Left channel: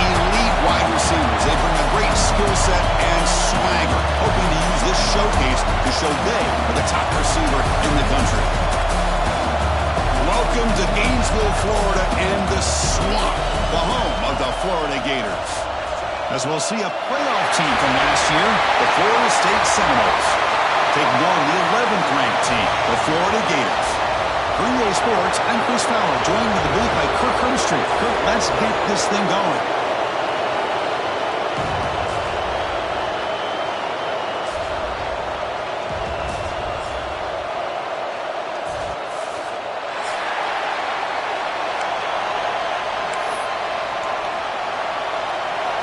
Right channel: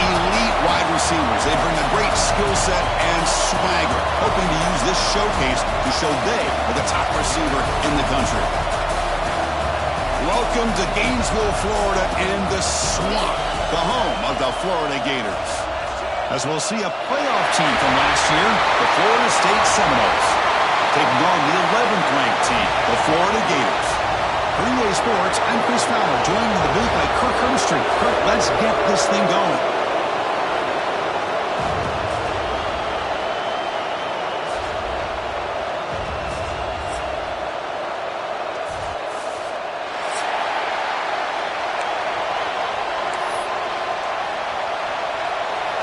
elite wide receivers. They bring a great skill set and swagger, hoping to use this showcase to show they are the top receiver in the country. Welcome to Gainesville, Florida, and the Swamp, the home of the Florida Gators. As we'll see a playoff team from last year, the Florida State Seminoles, taking on the 11th-ranked team, the Florida Gators. For EA Sports, I'm Chris Fowler, joined in the booth by Kirk Hermstreet. Kirk, let's get this thing going.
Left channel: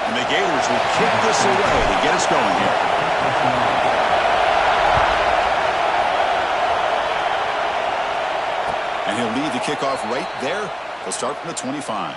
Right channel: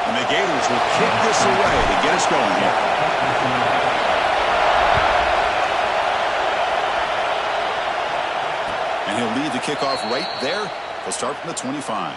And the Gators will kick this away to get us going here. And he'll lead the kickoff right there. He'll start from the 25.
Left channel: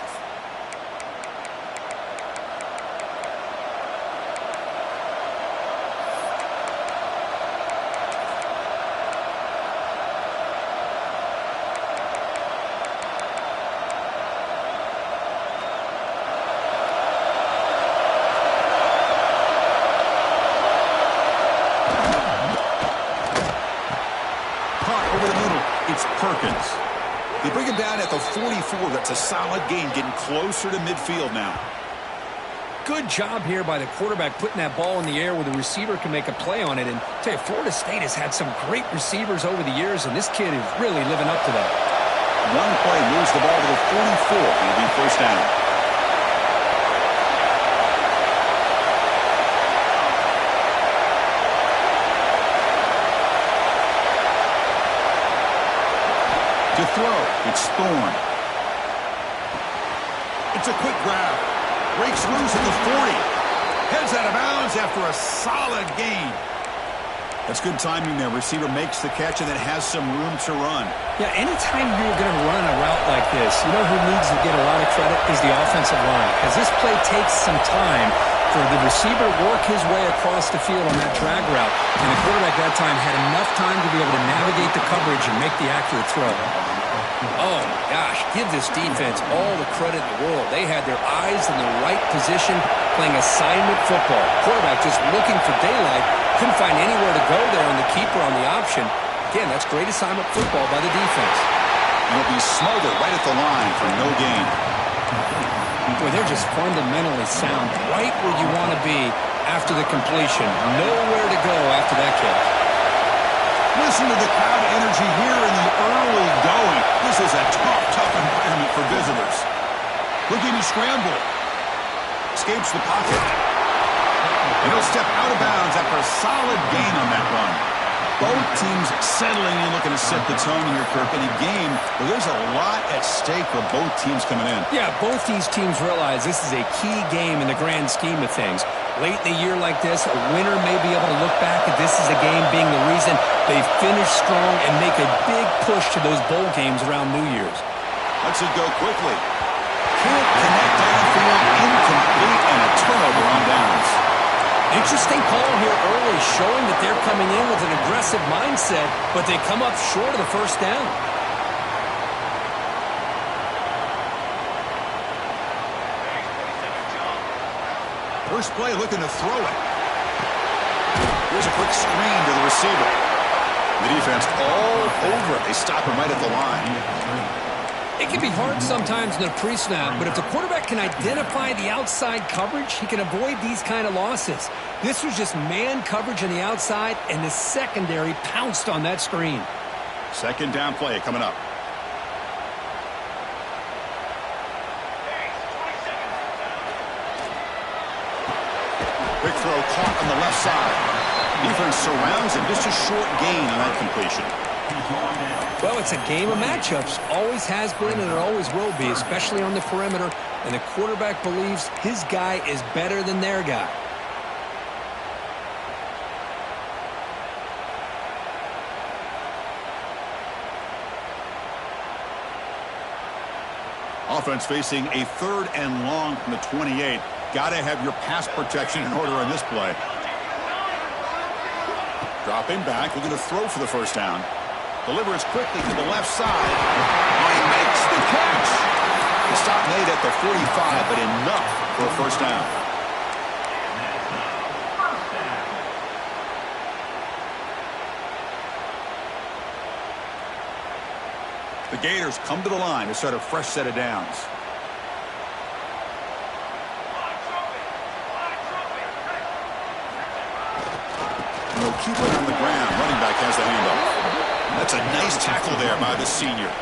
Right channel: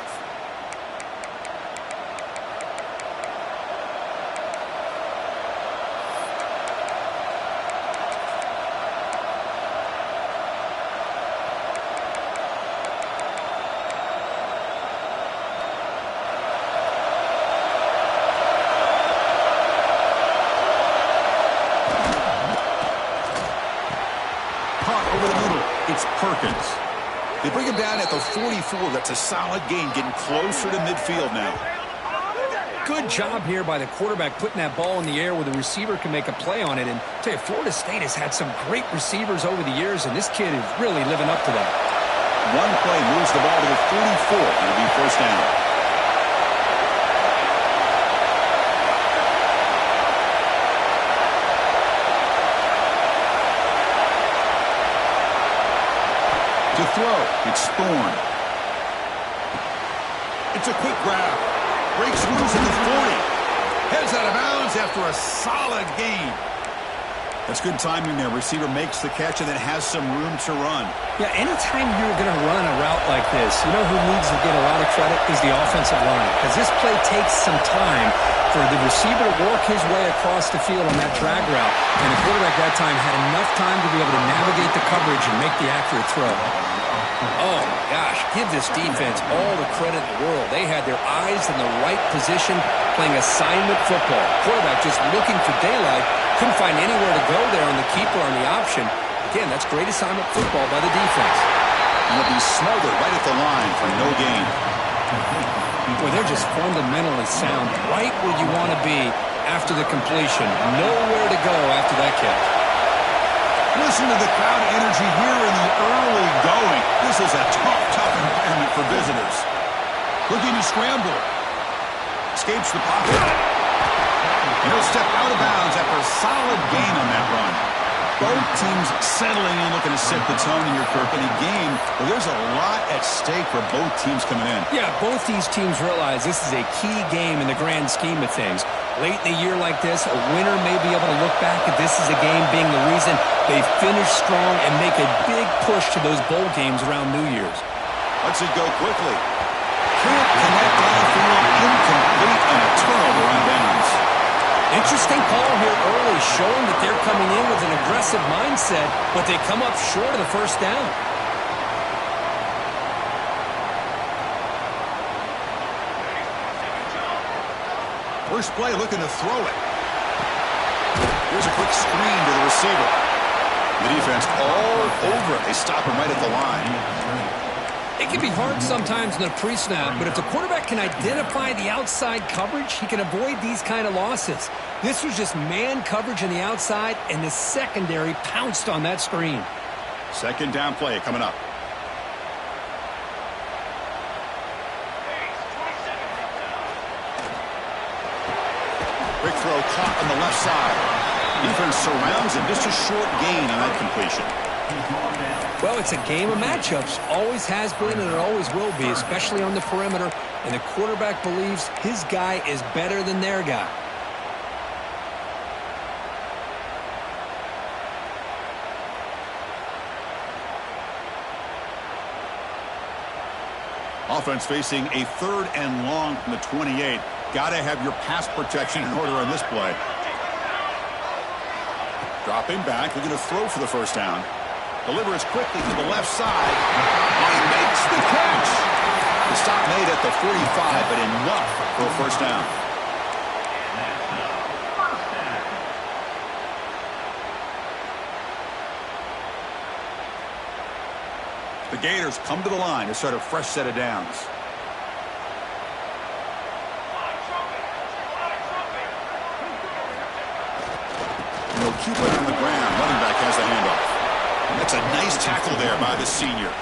Caught over the middle. It's Perkins. They bring him down at the 44. That's a solid gain, getting closer to midfield now. Good job here by the quarterback putting that ball in the air where the receiver can make a play on it. And I tell you, Florida State has had some great receivers over the years, and this kid is really living up to that. One play moves the ball to the 44. It'll be first down. To throw, it's Thorne. It's a quick grab. Breaks loose at the 40. Heads out of bounds after a solid gain. That's good timing there. Receiver makes the catch and then has some room to run. Yeah, anytime you're going to run a route like this, you know who needs to get a lot of credit is the offensive line. Because this play takes some time for the receiver to work his way across the field on that drag route. And the quarterback that time had enough time to be able to navigate the coverage and make the accurate throw. Oh, my gosh, give this defense all the credit in the world. They had their eyes in the right position, playing assignment football. Quarterback just looking for daylight, couldn't find anywhere to go there on the keeper on the option. Again, that's great assignment football by the defense. And he'll be smothered right at the line for no gain. Boy, they're just fundamentally sound, right where you want to be after the completion. Nowhere to go after that catch. Listen to the crowd energy here in the early going. This is a tough environment for visitors. Looking to scramble. Escapes the pocket. And he'll step out of bounds after a solid gain on that run. Both teams settling in, looking to set the tone here, Kirk, in a game where there's a lot at stake for both teams coming in. Yeah, both these teams realize this is a key game in the grand scheme of things. Late in the year like this, a winner may be able to look back at this as a game being the reason they finish strong and make a big push to those bowl games around New Year's. Lets it go quickly. Can't connect downfield, incomplete, and a turnover on downs. Interesting call here early, showing that they're coming in with an aggressive mindset, but they come up short of the first down. First play, looking to throw it. Here's a quick screen to the receiver. The defense all over it. They stop him right at the line. It can be hard sometimes in a pre-snap, but if the quarterback can identify the outside coverage, he can avoid these kind of losses. This was just man coverage on the outside, and the secondary pounced on that screen. Second down play coming up. Quick throw caught on the left side. Defense surrounds him. Just a short gain on that completion. Well, it's a game of matchups. Always has been and it always will be, especially on the perimeter. And the quarterback believes his guy is better than their guy. Offense facing a 3rd and long from the 28. Got to have your pass protection in order on this play. Dropping back, looking to throw for the first down. Delivers quickly to the left side. Oh, he makes the catch. The stop made at the 45, but enough for a first down. The Gators come to the line to start a fresh set of downs. And they'll keep it on the ground. Running back has the handoff. That's a nice tackle there by the senior.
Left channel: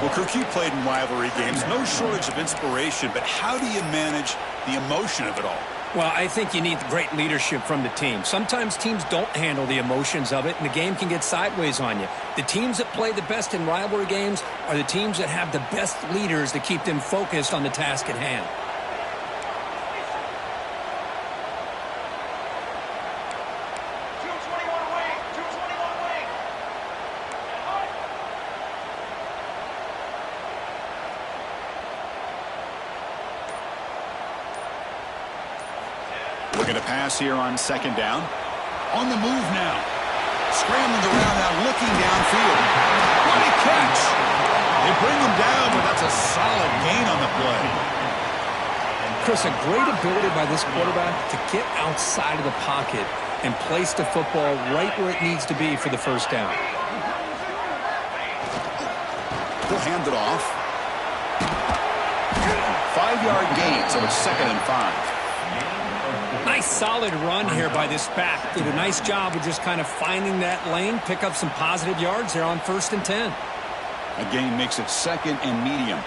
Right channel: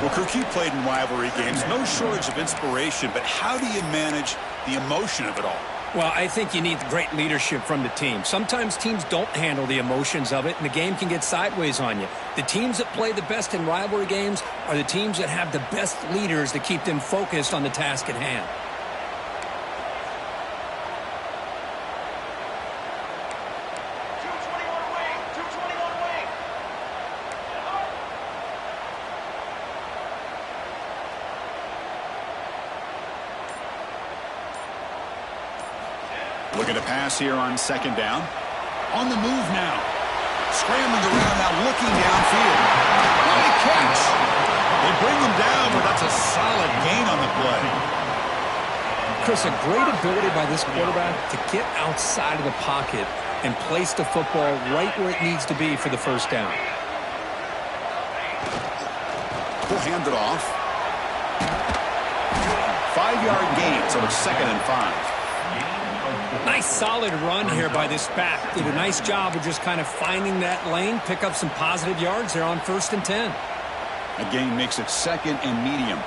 Well, Kirk, you played in rivalry games. No shortage of inspiration, but how do you manage the emotion of it all? Well, I think you need great leadership from the team. Sometimes teams don't handle the emotions of it, and the game can get sideways on you. The teams that play the best in rivalry games are the teams that have the best leaders to keep them focused on the task at hand. Looking to pass here on second down. On the move now. Scrambling around now, looking downfield. What a catch! They bring him down, but that's a solid gain on the play. Chris, a great ability by this quarterback to get outside of the pocket and place the football right where it needs to be for the first down. He'll hand it off. 5-yard gain, so it's 2nd and 5. Nice solid run here by this back. Did a nice job of just kind of finding that lane, pick up some positive yards there on 1st and 10. A gain makes it 2nd and medium.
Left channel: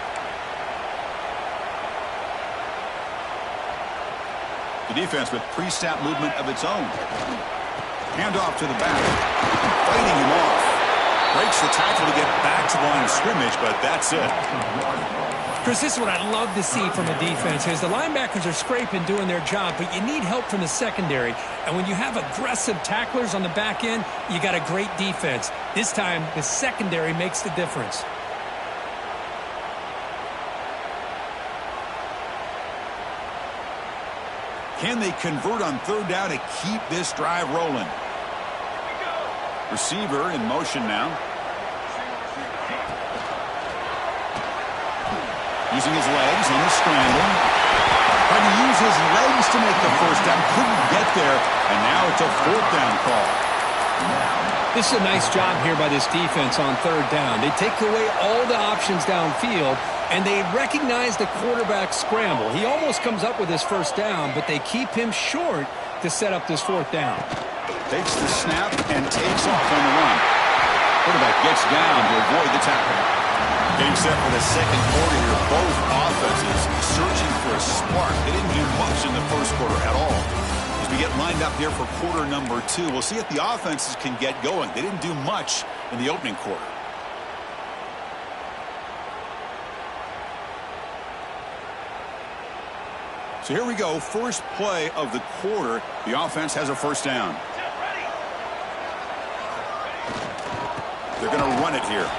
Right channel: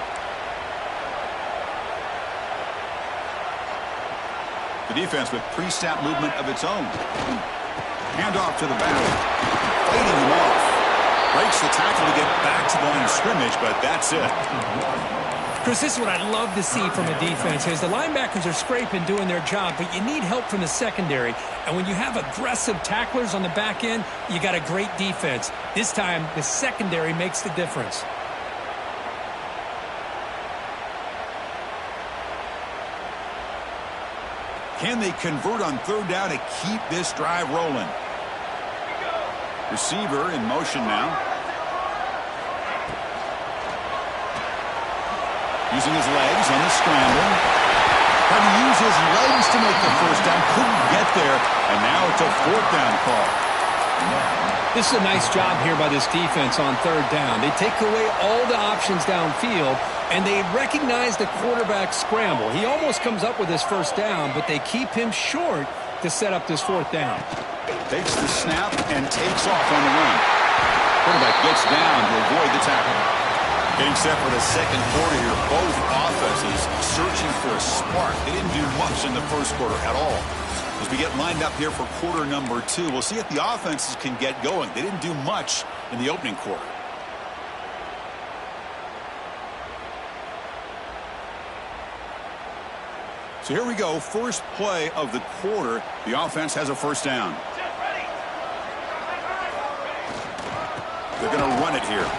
The defense with pre-snap movement of its own. Handoff to the back. Fighting him off. Breaks the tackle to get back to the line of scrimmage, but that's it. Chris, this is what I'd love to see from a defense is the linebackers are scraping, doing their job, but you need help from the secondary. And when you have aggressive tacklers on the back end, you got a great defense. This time, the secondary makes the difference. Can they convert on 3rd down to keep this drive rolling? Receiver in motion now. Using his legs on the scramble. Trying to use his legs to make the first down. Couldn't get there. And now it's a 4th down call. This is a nice job here by this defense on 3rd down. They take away all the options downfield, and they recognize the quarterback scramble. He almost comes up with his first down, but they keep him short to set up this 4th down. Takes the snap and takes off on the run. Quarterback gets down to avoid the tackle. Getting set for the second quarter here. Both offenses searching for a spark. They didn't do much in the first quarter at all. As we get lined up here for quarter number 2, we'll see if the offenses can get going. They didn't do much in the opening quarter. So here we go. First play of the quarter. The offense has a first down. They're going to run it here.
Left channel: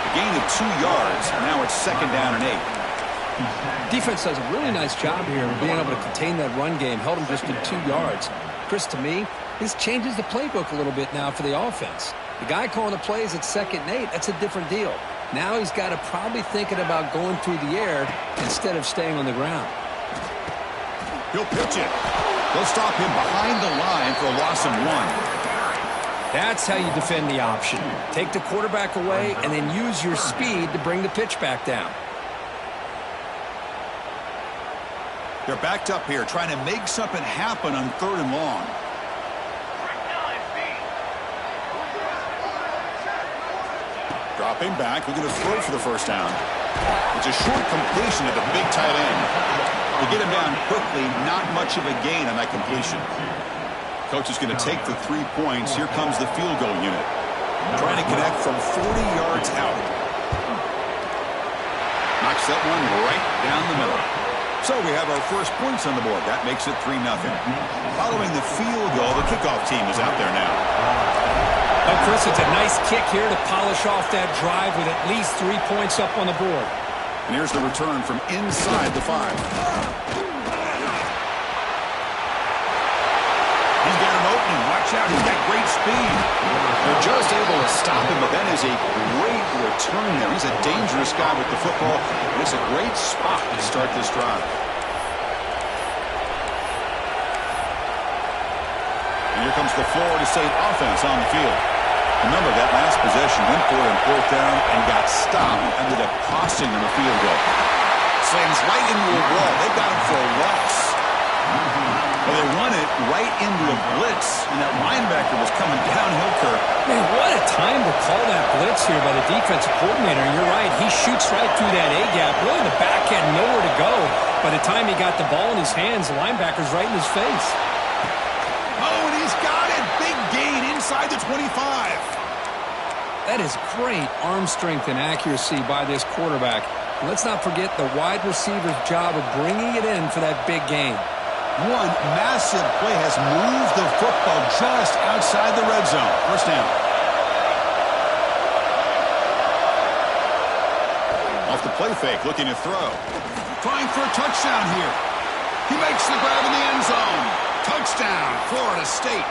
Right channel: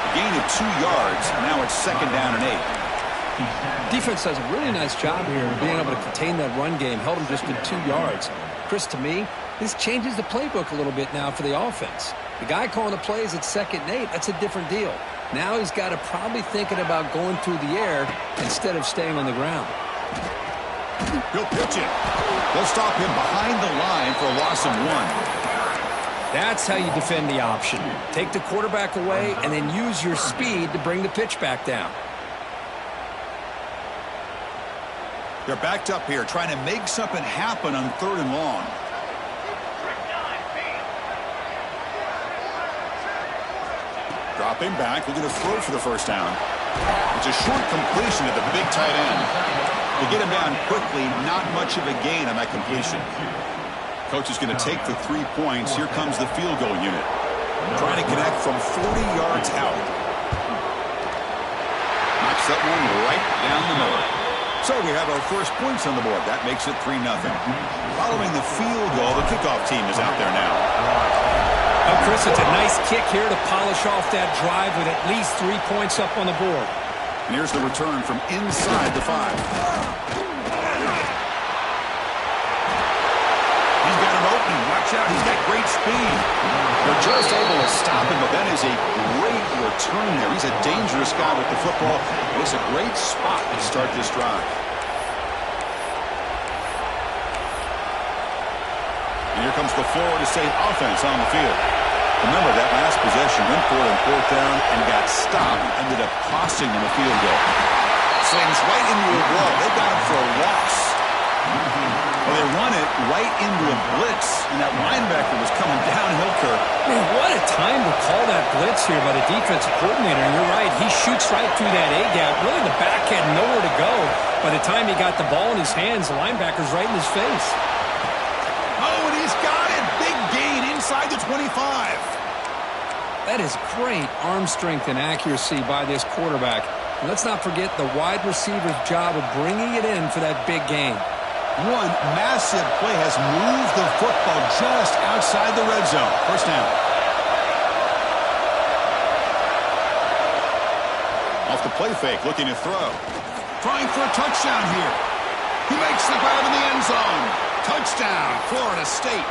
A gain of 2 yards. Now it's 2nd down and 8. Defense does a really nice job here of being able to contain that run game. Held them just to 2 yards. Chris, to me, this changes the playbook a little bit now for the offense. The guy calling the plays at 2nd and 8, that's a different deal. Now he's got to probably thinking about going through the air instead of staying on the ground. He'll pitch it. They'll stop him behind the line for a loss of 1. That's how you defend the option. Take the quarterback away and then use your speed to bring the pitch back down. They're backed up here trying to make something happen on 3rd and long. Dropping back, looking to throw for the first down. It's a short completion to the big tight end. They get him down quickly, not much of a gain on that completion. Coach is going to take the 3 points. Here comes the field goal unit. Trying to connect from 40 yards out. Knocks that one right down the middle. So we have our first points on the board. That makes it 3-0. Following the field goal, the kickoff team is out there now. Oh, Chris, it's a nice kick here to polish off that drive with at least 3 points up on the board. And here's the return from inside the 5. He's got an opening. Watch out. He's got great speed. They're just able to stop him, but that is a great return there. He's a dangerous guy with the football, and it's a great spot to start this drive. And here comes the Florida State offense on the field. Remember, that last possession went for it on fourth down and got stopped. Ended up costing them a field goal. Slings right into a wall. They got him for a loss. Well, they run it right into a blitz, and that linebacker was coming downhill, Kirk. Man, what a time to call that blitz here by the defensive coordinator. And you're right, he shoots right through that A-gap. Really, the back had nowhere to go. By the time he got the ball in his hands, the linebacker's right in his face. Oh, and he's got it. Big gain inside the 25. That is great arm strength and accuracy by this quarterback. And let's not forget the wide receiver's job of bringing it in for that big gain. One massive play has moved the football just outside the red zone. First down. Off the play fake, looking to throw. Trying for a touchdown here. He makes the grab in the end zone. Touchdown, Florida State.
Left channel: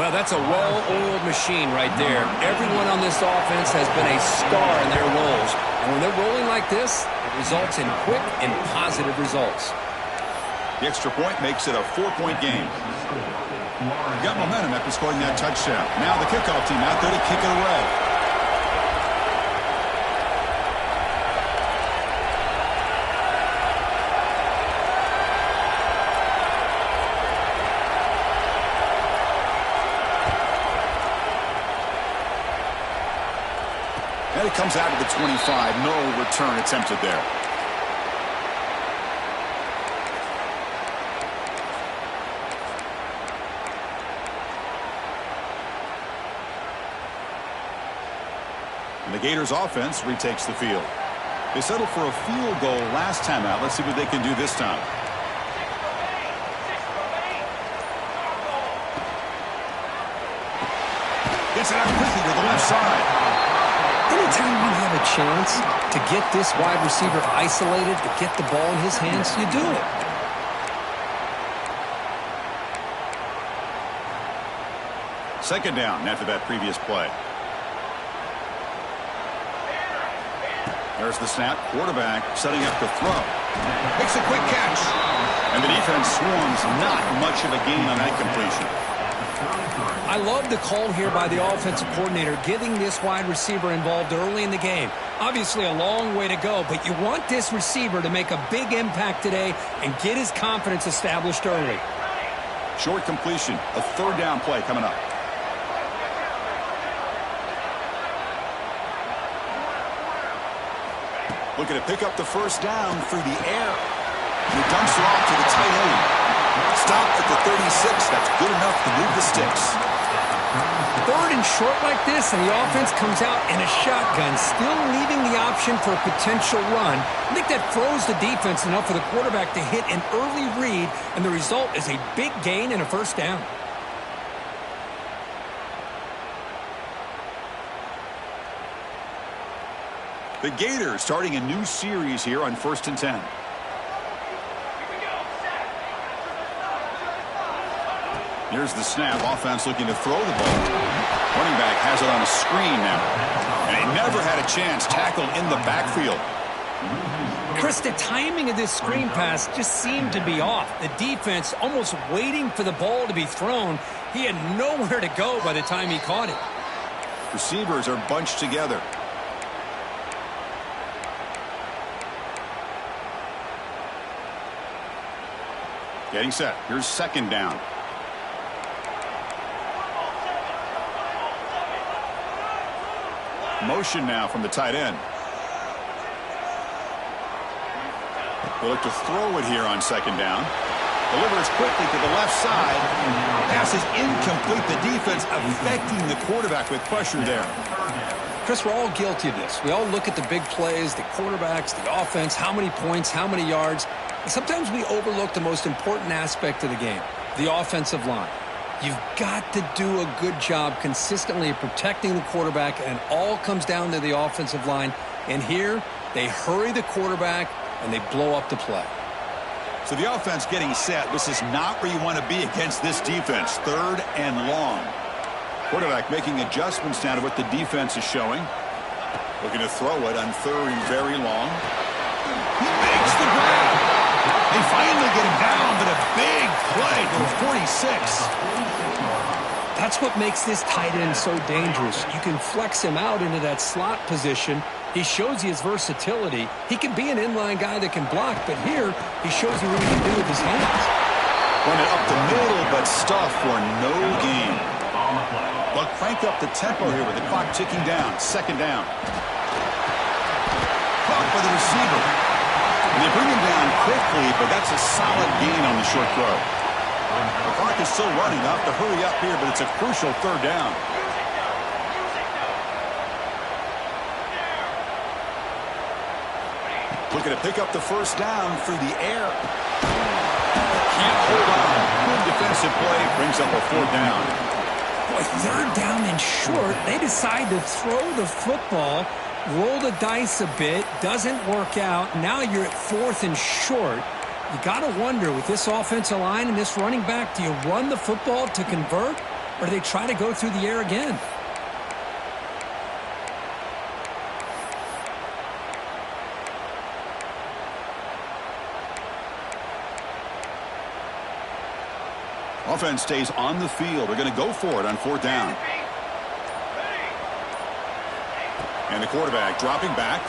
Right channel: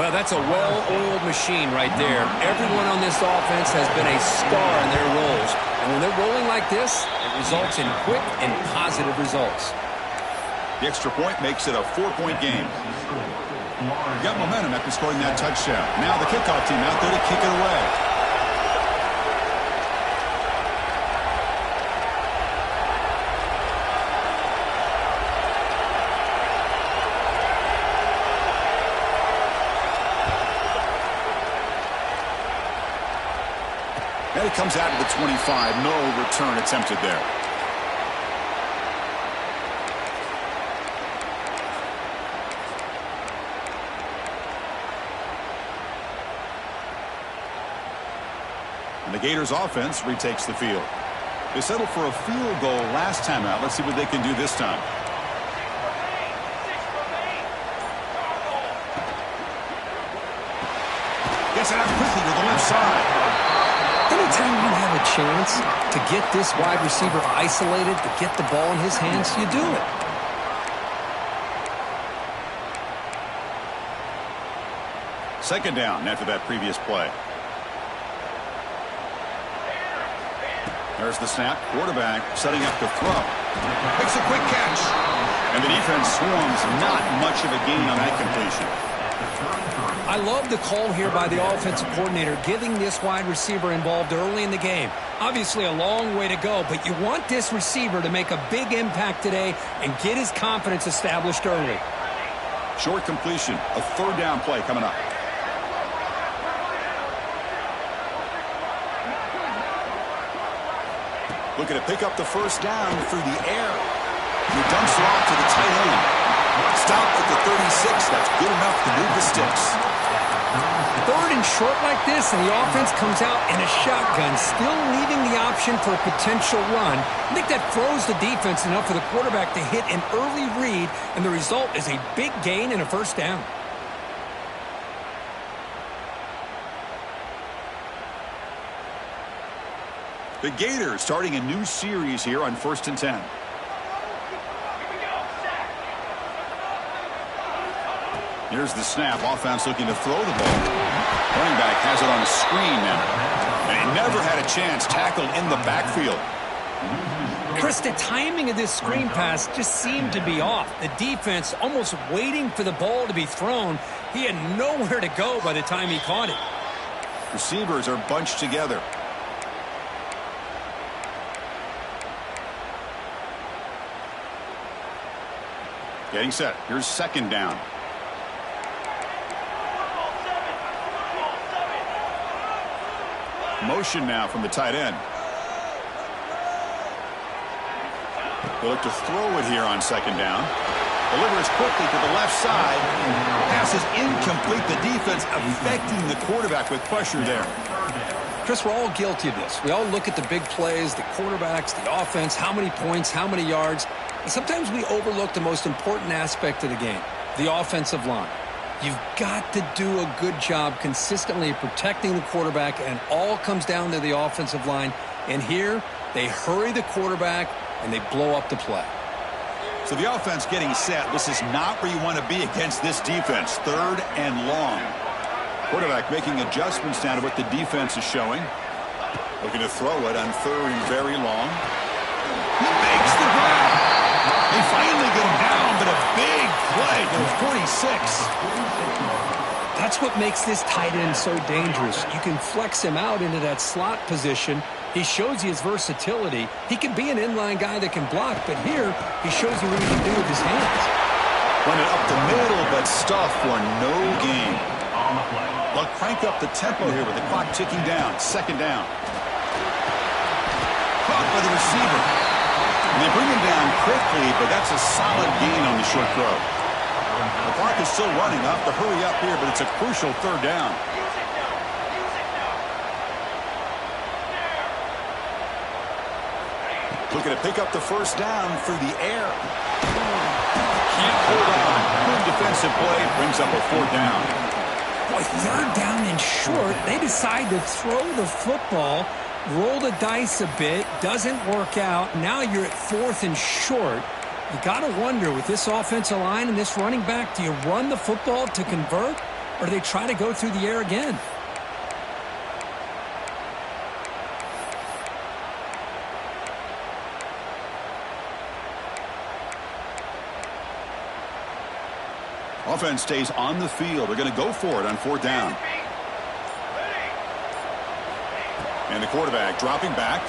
Well, that's a well-oiled machine right there. Everyone on this offense has been a star in their roles. And when they're rolling like this, it results in quick and positive results. The extra point makes it a 4-point game. Got momentum after scoring that touchdown. Now the kickoff team out there to kick it away. And it comes out to the 25. No return attempted there. And the Gators offense retakes the field. They settled for a field goal last time out. Let's see what they can do this time. Gets it out quickly to the left side. Anytime you have a chance to get this wide receiver isolated, to get the ball in his hands, you do it. Second down after that previous play. There's the snap. Quarterback setting up to throw. Makes a quick catch. And the defense swarms. Not much of a gain on that completion. I love the call here by the offensive coordinator, getting this wide receiver involved early in the game. Obviously a long way to go, but you want this receiver to make a big impact today and get his confidence established early. Short completion. A third down play coming up. Looking to pick up the first down through the air. He dumps it off to the tight end. Stopped at the 36. That's good enough to move the sticks. Third and short like this, and the offense comes out in a shotgun, still leaving the option for a potential run. I think that throws the defense enough for the quarterback to hit an early read, and the result is a big gain and a first down. The Gators starting a new series here on 1st and 10. Here's the snap. Offense looking to throw the ball. Running back has it on a screen now. And he never had a chance. Tackled in the backfield. Chris, the timing of this screen pass just seemed to be off. The defense almost waiting for the ball to be thrown. He had nowhere to go by the time he caught it. Receivers are bunched together. Getting set. Here's second down. Motion now from the tight end. They look to throw it here on second down. Delivers quickly to the left side. Pass is incomplete. The defense affecting the quarterback with pressure there. Chris, we're all guilty of this. We all look at the big plays, the quarterbacks, the offense, how many points, how many yards. And sometimes we overlook the most important aspect of the game, the offensive line. You've got to do a good job consistently of protecting the quarterback, and it all comes down to the offensive line. And here, they hurry the quarterback, and they blow up the play. So the offense getting set. This is not where you want to be against this defense. 3rd and long. Quarterback making adjustments now to what the defense is showing. Looking to throw it on 3rd and very long. He makes the grab. They finally get him down, but a big play to the 46. That's what makes this tight end so dangerous. You can flex him out into that slot position. He shows you his versatility. He can be an inline guy that can block, but here he shows you what he can do with his hands. Run it up the middle, but stuff for no gain. They'll crank up the tempo here with the clock ticking down. 2nd down. Caught by the receiver. And they bring him down quickly, but that's a solid gain on the short throw. The clock is still running. They'll have to hurry up here, but it's a crucial 3rd down. Looking to pick up the 1st down through the air. Can't hold on. Good defensive play. Brings up a 4th down. Boy, 3rd down and short. They decide to throw the football, roll the dice a bit. Doesn't work out. Now you're at 4th and short. You got to wonder, with this offensive line and this running back, do you run the football to convert, or do they try to go through the air again? Offense stays on the field. They're going to go for it on 4th down. And the quarterback dropping back.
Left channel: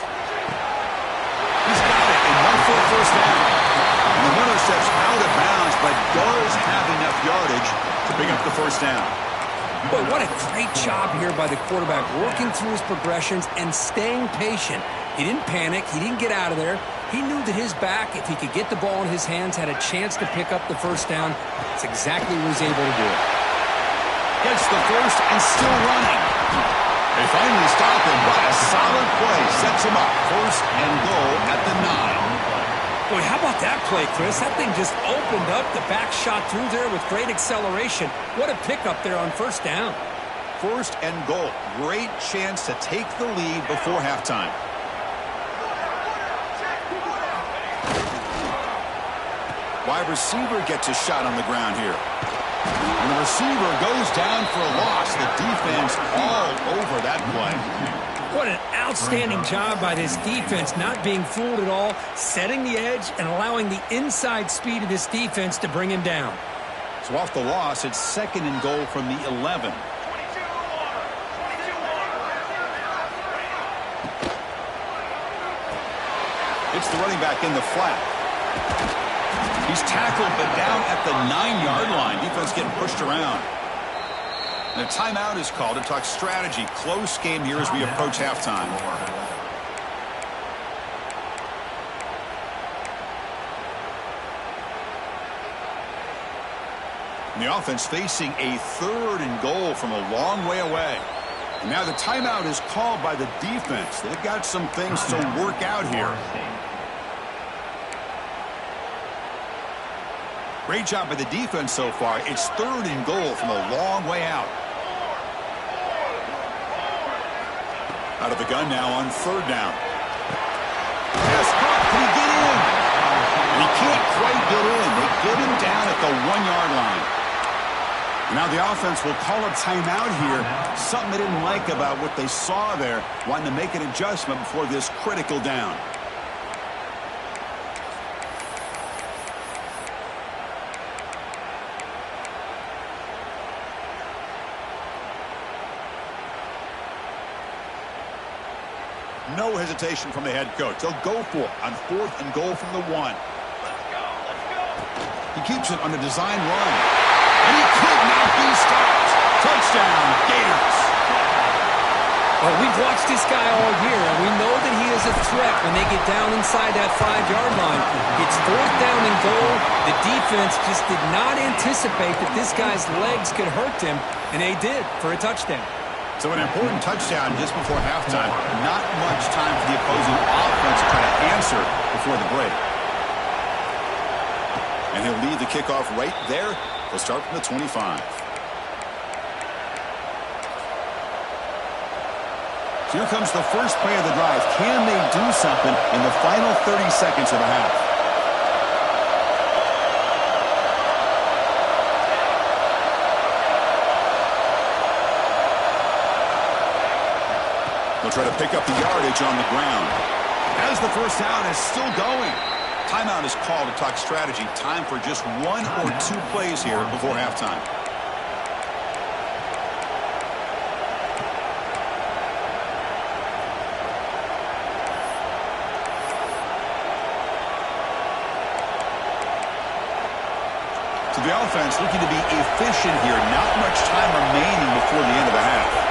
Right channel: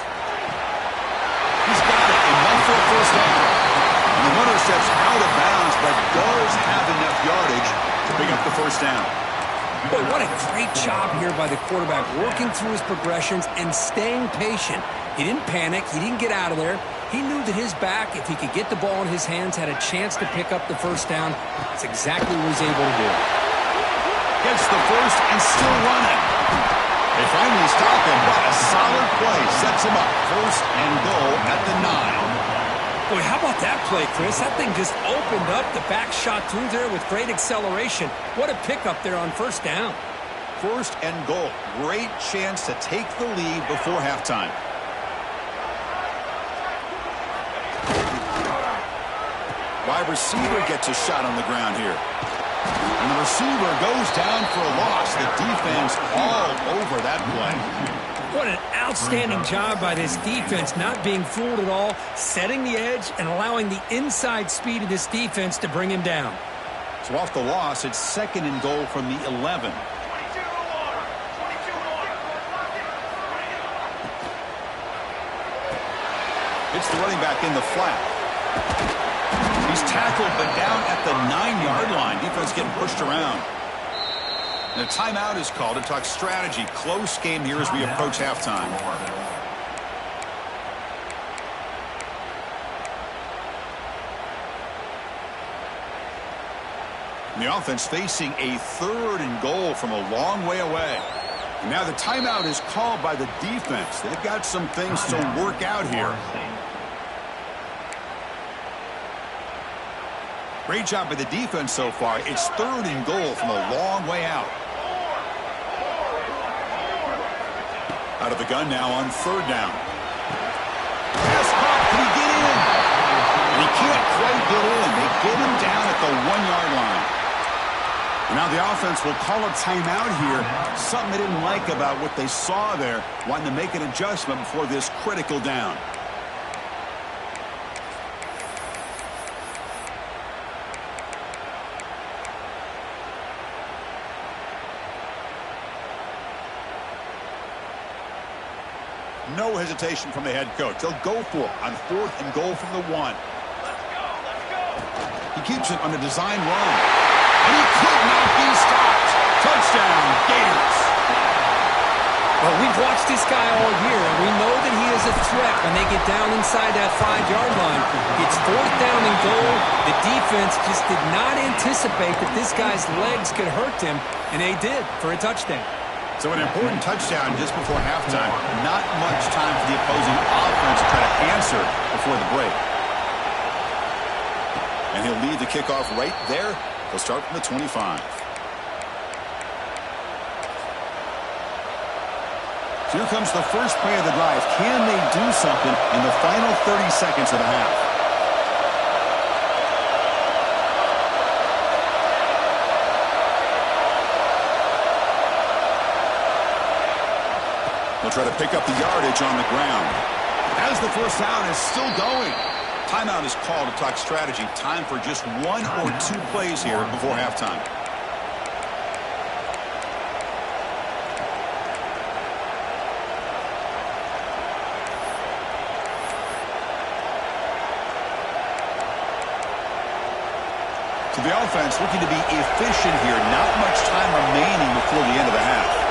He's got it. Enough for a 1st down. And the runner steps out of bounds, but does have enough yardage to pick up the 1st down. Boy, what a great job here by the quarterback, working through his progressions and staying patient. He didn't panic. He didn't get out of there. He knew that his back, if he could get the ball in his hands, had a chance to pick up the 1st down. That's exactly what he's able to do. Gets the 1st and still running. They finally stop him. What a solid play. Sets him up. 1st and goal at the 9. Boy, how about that play, Chris? That thing just opened up. The back shot through there with great acceleration. What a pickup there on 1st down. 1st and goal. Great chance to take the lead before halftime. Wide receiver gets a shot on the ground here. And the receiver goes down for a loss. The defense all over that play. What an outstanding job by this defense, not being fooled at all, setting the edge and allowing the inside speed of this defense to bring him down. So off the loss, it's 2nd and goal from the 11. It's the running back in the flat. He's tackled, but down at the 9-yard line. Defense getting pushed around. And a timeout is called to talk strategy. Close game here as we approach halftime. And the offense facing a 3rd and goal from a long way away. And now the timeout is called by the defense. They've got some things to work out here. Great job by the defense so far. It's 3rd and goal from a long way out. Out of the gun now on 3rd down. Pass caught. Can he get in? And he can't quite get in. They get him down at the 1-yard line. And now the offense will call a timeout here. Something they didn't like about what they saw there. Wanting to make an adjustment before this critical down. No hesitation from the head coach. They'll go for it on 4th and goal from the 1. Let's go. He keeps it on a design run. And he could not be stopped. Touchdown, Gators. Well, we've watched this guy all year, and we know that he is a threat when they get down inside that 5-yard line. It's 4th down and goal. The defense just did not anticipate that this guy's legs could hurt him, and they did for a touchdown. So an important touchdown just before halftime. Not much time for the opposing offense to try to answer before the break. And he'll lead the kickoff right there. He'll start from the 25. So here comes the first play of the drive. Can they do something in the final 30 seconds of the half? He'll try to pick up the yardage on the ground. As the first down is still going. Timeout is called to talk strategy. Time for just 1 or 2 plays here before halftime. So the offense looking to be efficient here. Not much time remaining before the end of the half.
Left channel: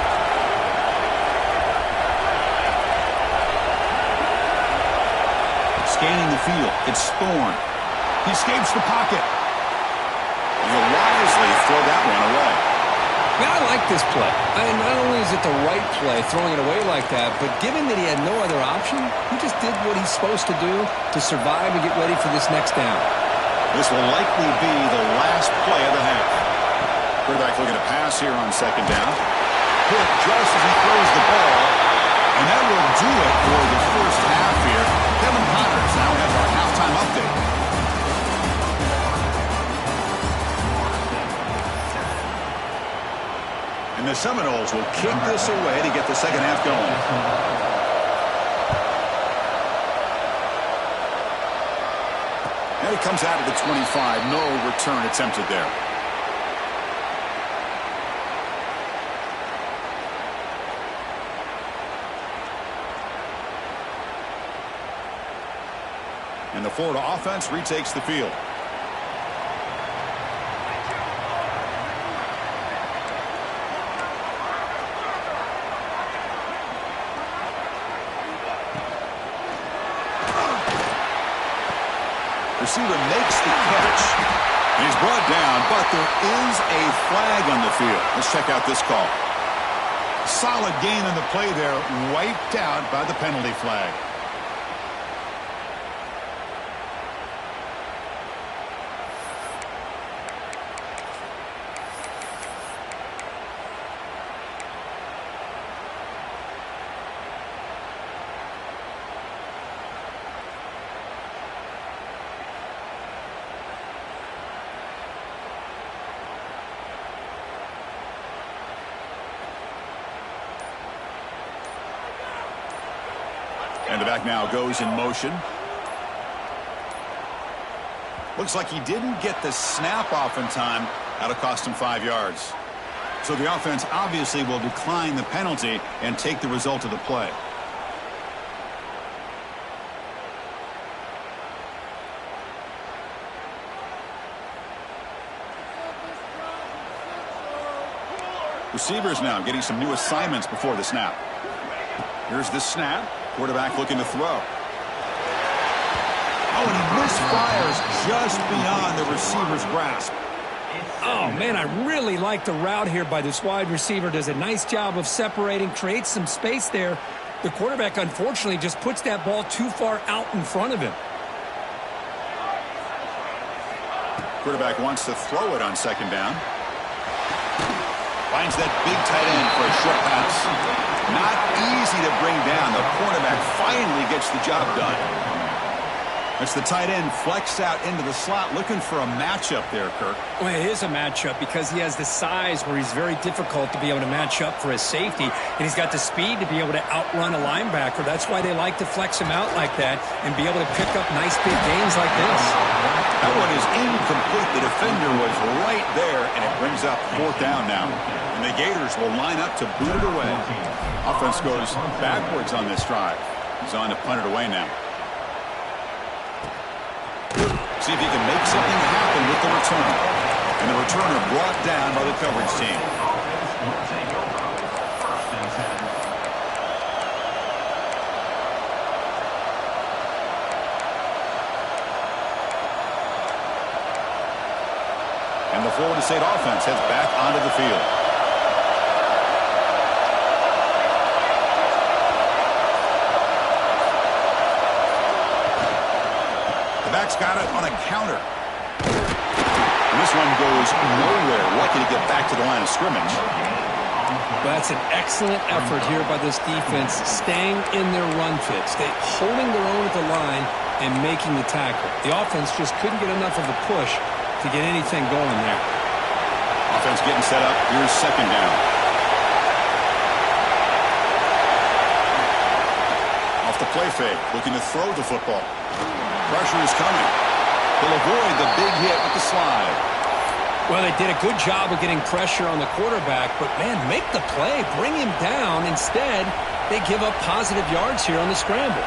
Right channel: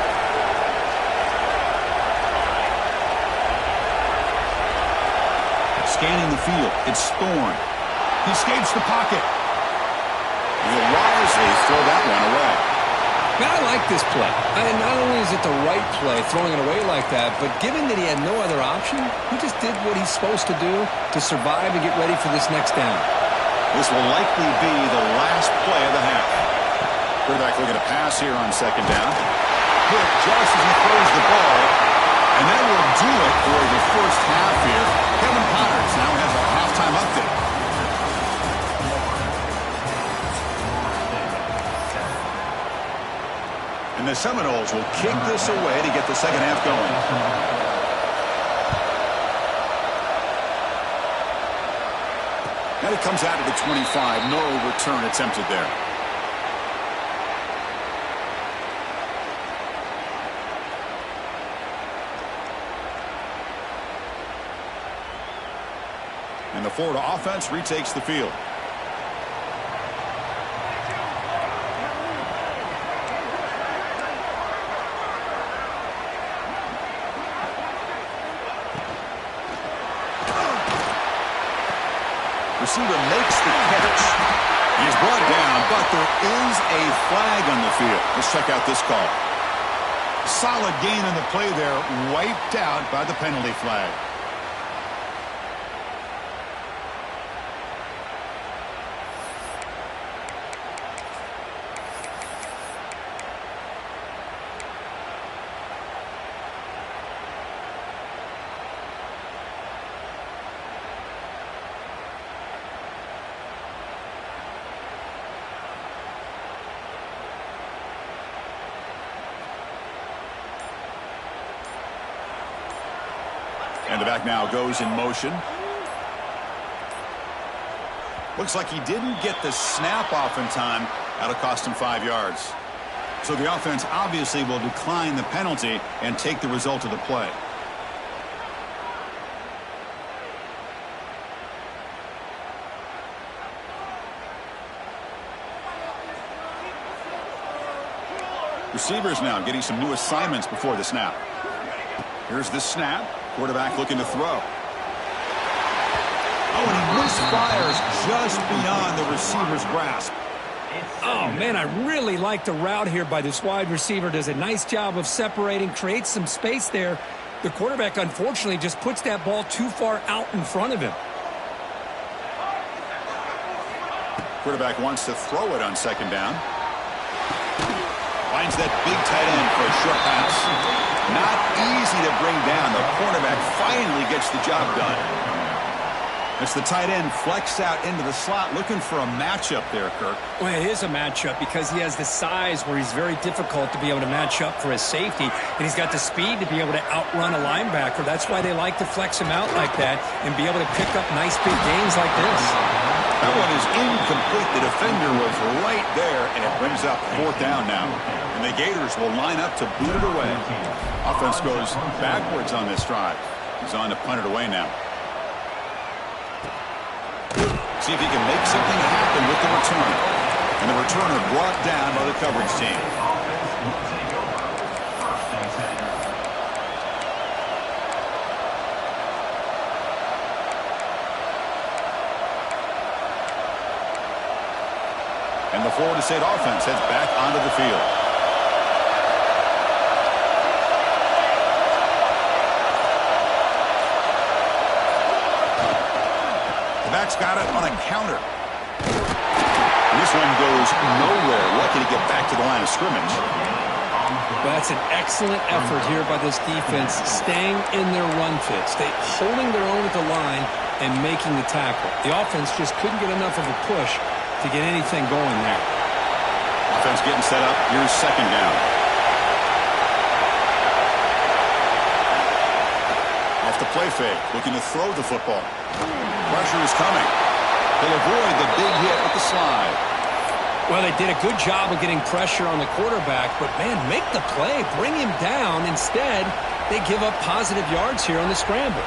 Scanning the field. It's Thorne. He escapes the pocket. He'll wisely throw that one away. Man, I like this play. Not only is it the right play, throwing it away like that, but given that he had no other option, he just did what he's supposed to do to survive and get ready for this next down. This will likely be the last play of the half. Quarterback looking to pass here on second down. Hit just as he throws the ball. And that will do it for the first half here. Kevin Connors now has our halftime update. And the Seminoles will kick this away to get the second half going. And it comes out of the 25. No return attempted there. And the Florida offense retakes the field. Receiver makes the catch. He's brought down, but there is a flag on the field. Let's check out this call. Solid gain on the play there, wiped out by the penalty flag. And the back now goes in motion. Looks like he didn't get the snap off in time. That'll cost him 5 yards. So the offense obviously will decline the penalty and take the result of the play. Receivers now getting some new assignments before the snap. Here's the snap. Quarterback looking to throw. Oh, and he misfires just beyond the receiver's grasp. Oh, man, I really like the route here by this wide receiver. Does a nice job of separating, creates some space there. The quarterback, unfortunately, just puts that ball too far out in front of him. Quarterback wants to throw it on second down. Finds that big tight end for a short pass. Not easy to bring down. The cornerback finally gets the job done. It's the tight end flexed out into the slot, looking for a matchup there, Kirk. Well, it is a matchup because he has the size where he's very difficult to be able to match up for his safety, and he's got the speed to be able to outrun a linebacker. That's why they like to flex him out like that and be able to pick up nice big gains like this. That one is incomplete. The defender was right there, and it brings up fourth down now. And the Gators will line up to boot it away. Offense goes backwards on this drive. He's on to punt it away now. See if he can make something happen with the return. And the returner brought down by the coverage team. And the Florida State offense heads back onto the field. The back's got it on a counter. And this one goes nowhere. Lucky to get back to the line of scrimmage. Well, that's an excellent effort here by this defense, staying in their run fit, holding their own at the line and making the tackle. The offense just couldn't get enough of a push to get anything going there. Offense getting set up. Here's second down. Off the play fake, looking to throw the football. Pressure is coming. He'll avoid the big hit with the slide. Well, they did a good job of getting pressure on the quarterback, but, man, make the play. Bring him down. Instead, they give up positive yards here on the scramble.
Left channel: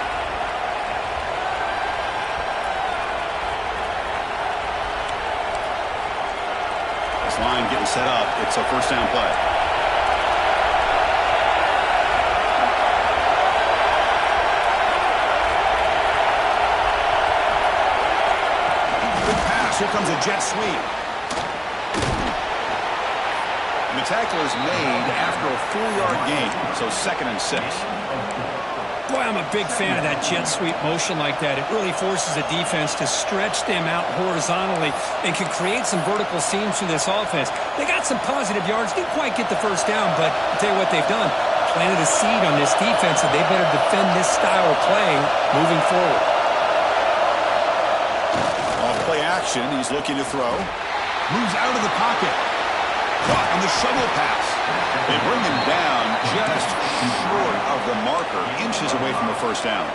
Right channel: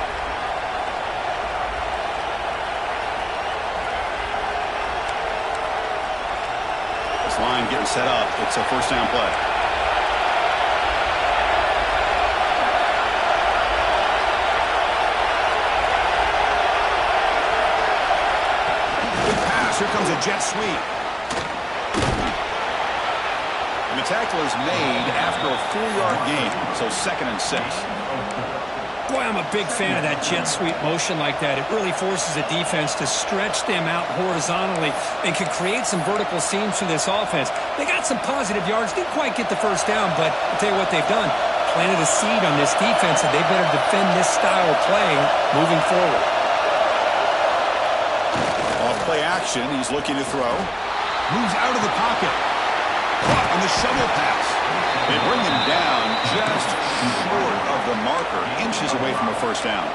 This line getting set up. It's a first down play. Good pass. Here comes a jet sweep. And the tackle is made after a 4-yard gain, so 2nd and 6. Boy, I'm a big fan of that jet sweep motion like that. It really forces a defense to stretch them out horizontally and can create some vertical seams through this offense. They got some positive yards, didn't quite get the first down, but I'll tell you what they've done. Planted a seed on this defense, and they better defend this style of playing moving forward. Off play action, he's looking to throw. Moves out of the pocket. Caught on the shovel pass. They bring him down just short of the marker, inches away from a first down.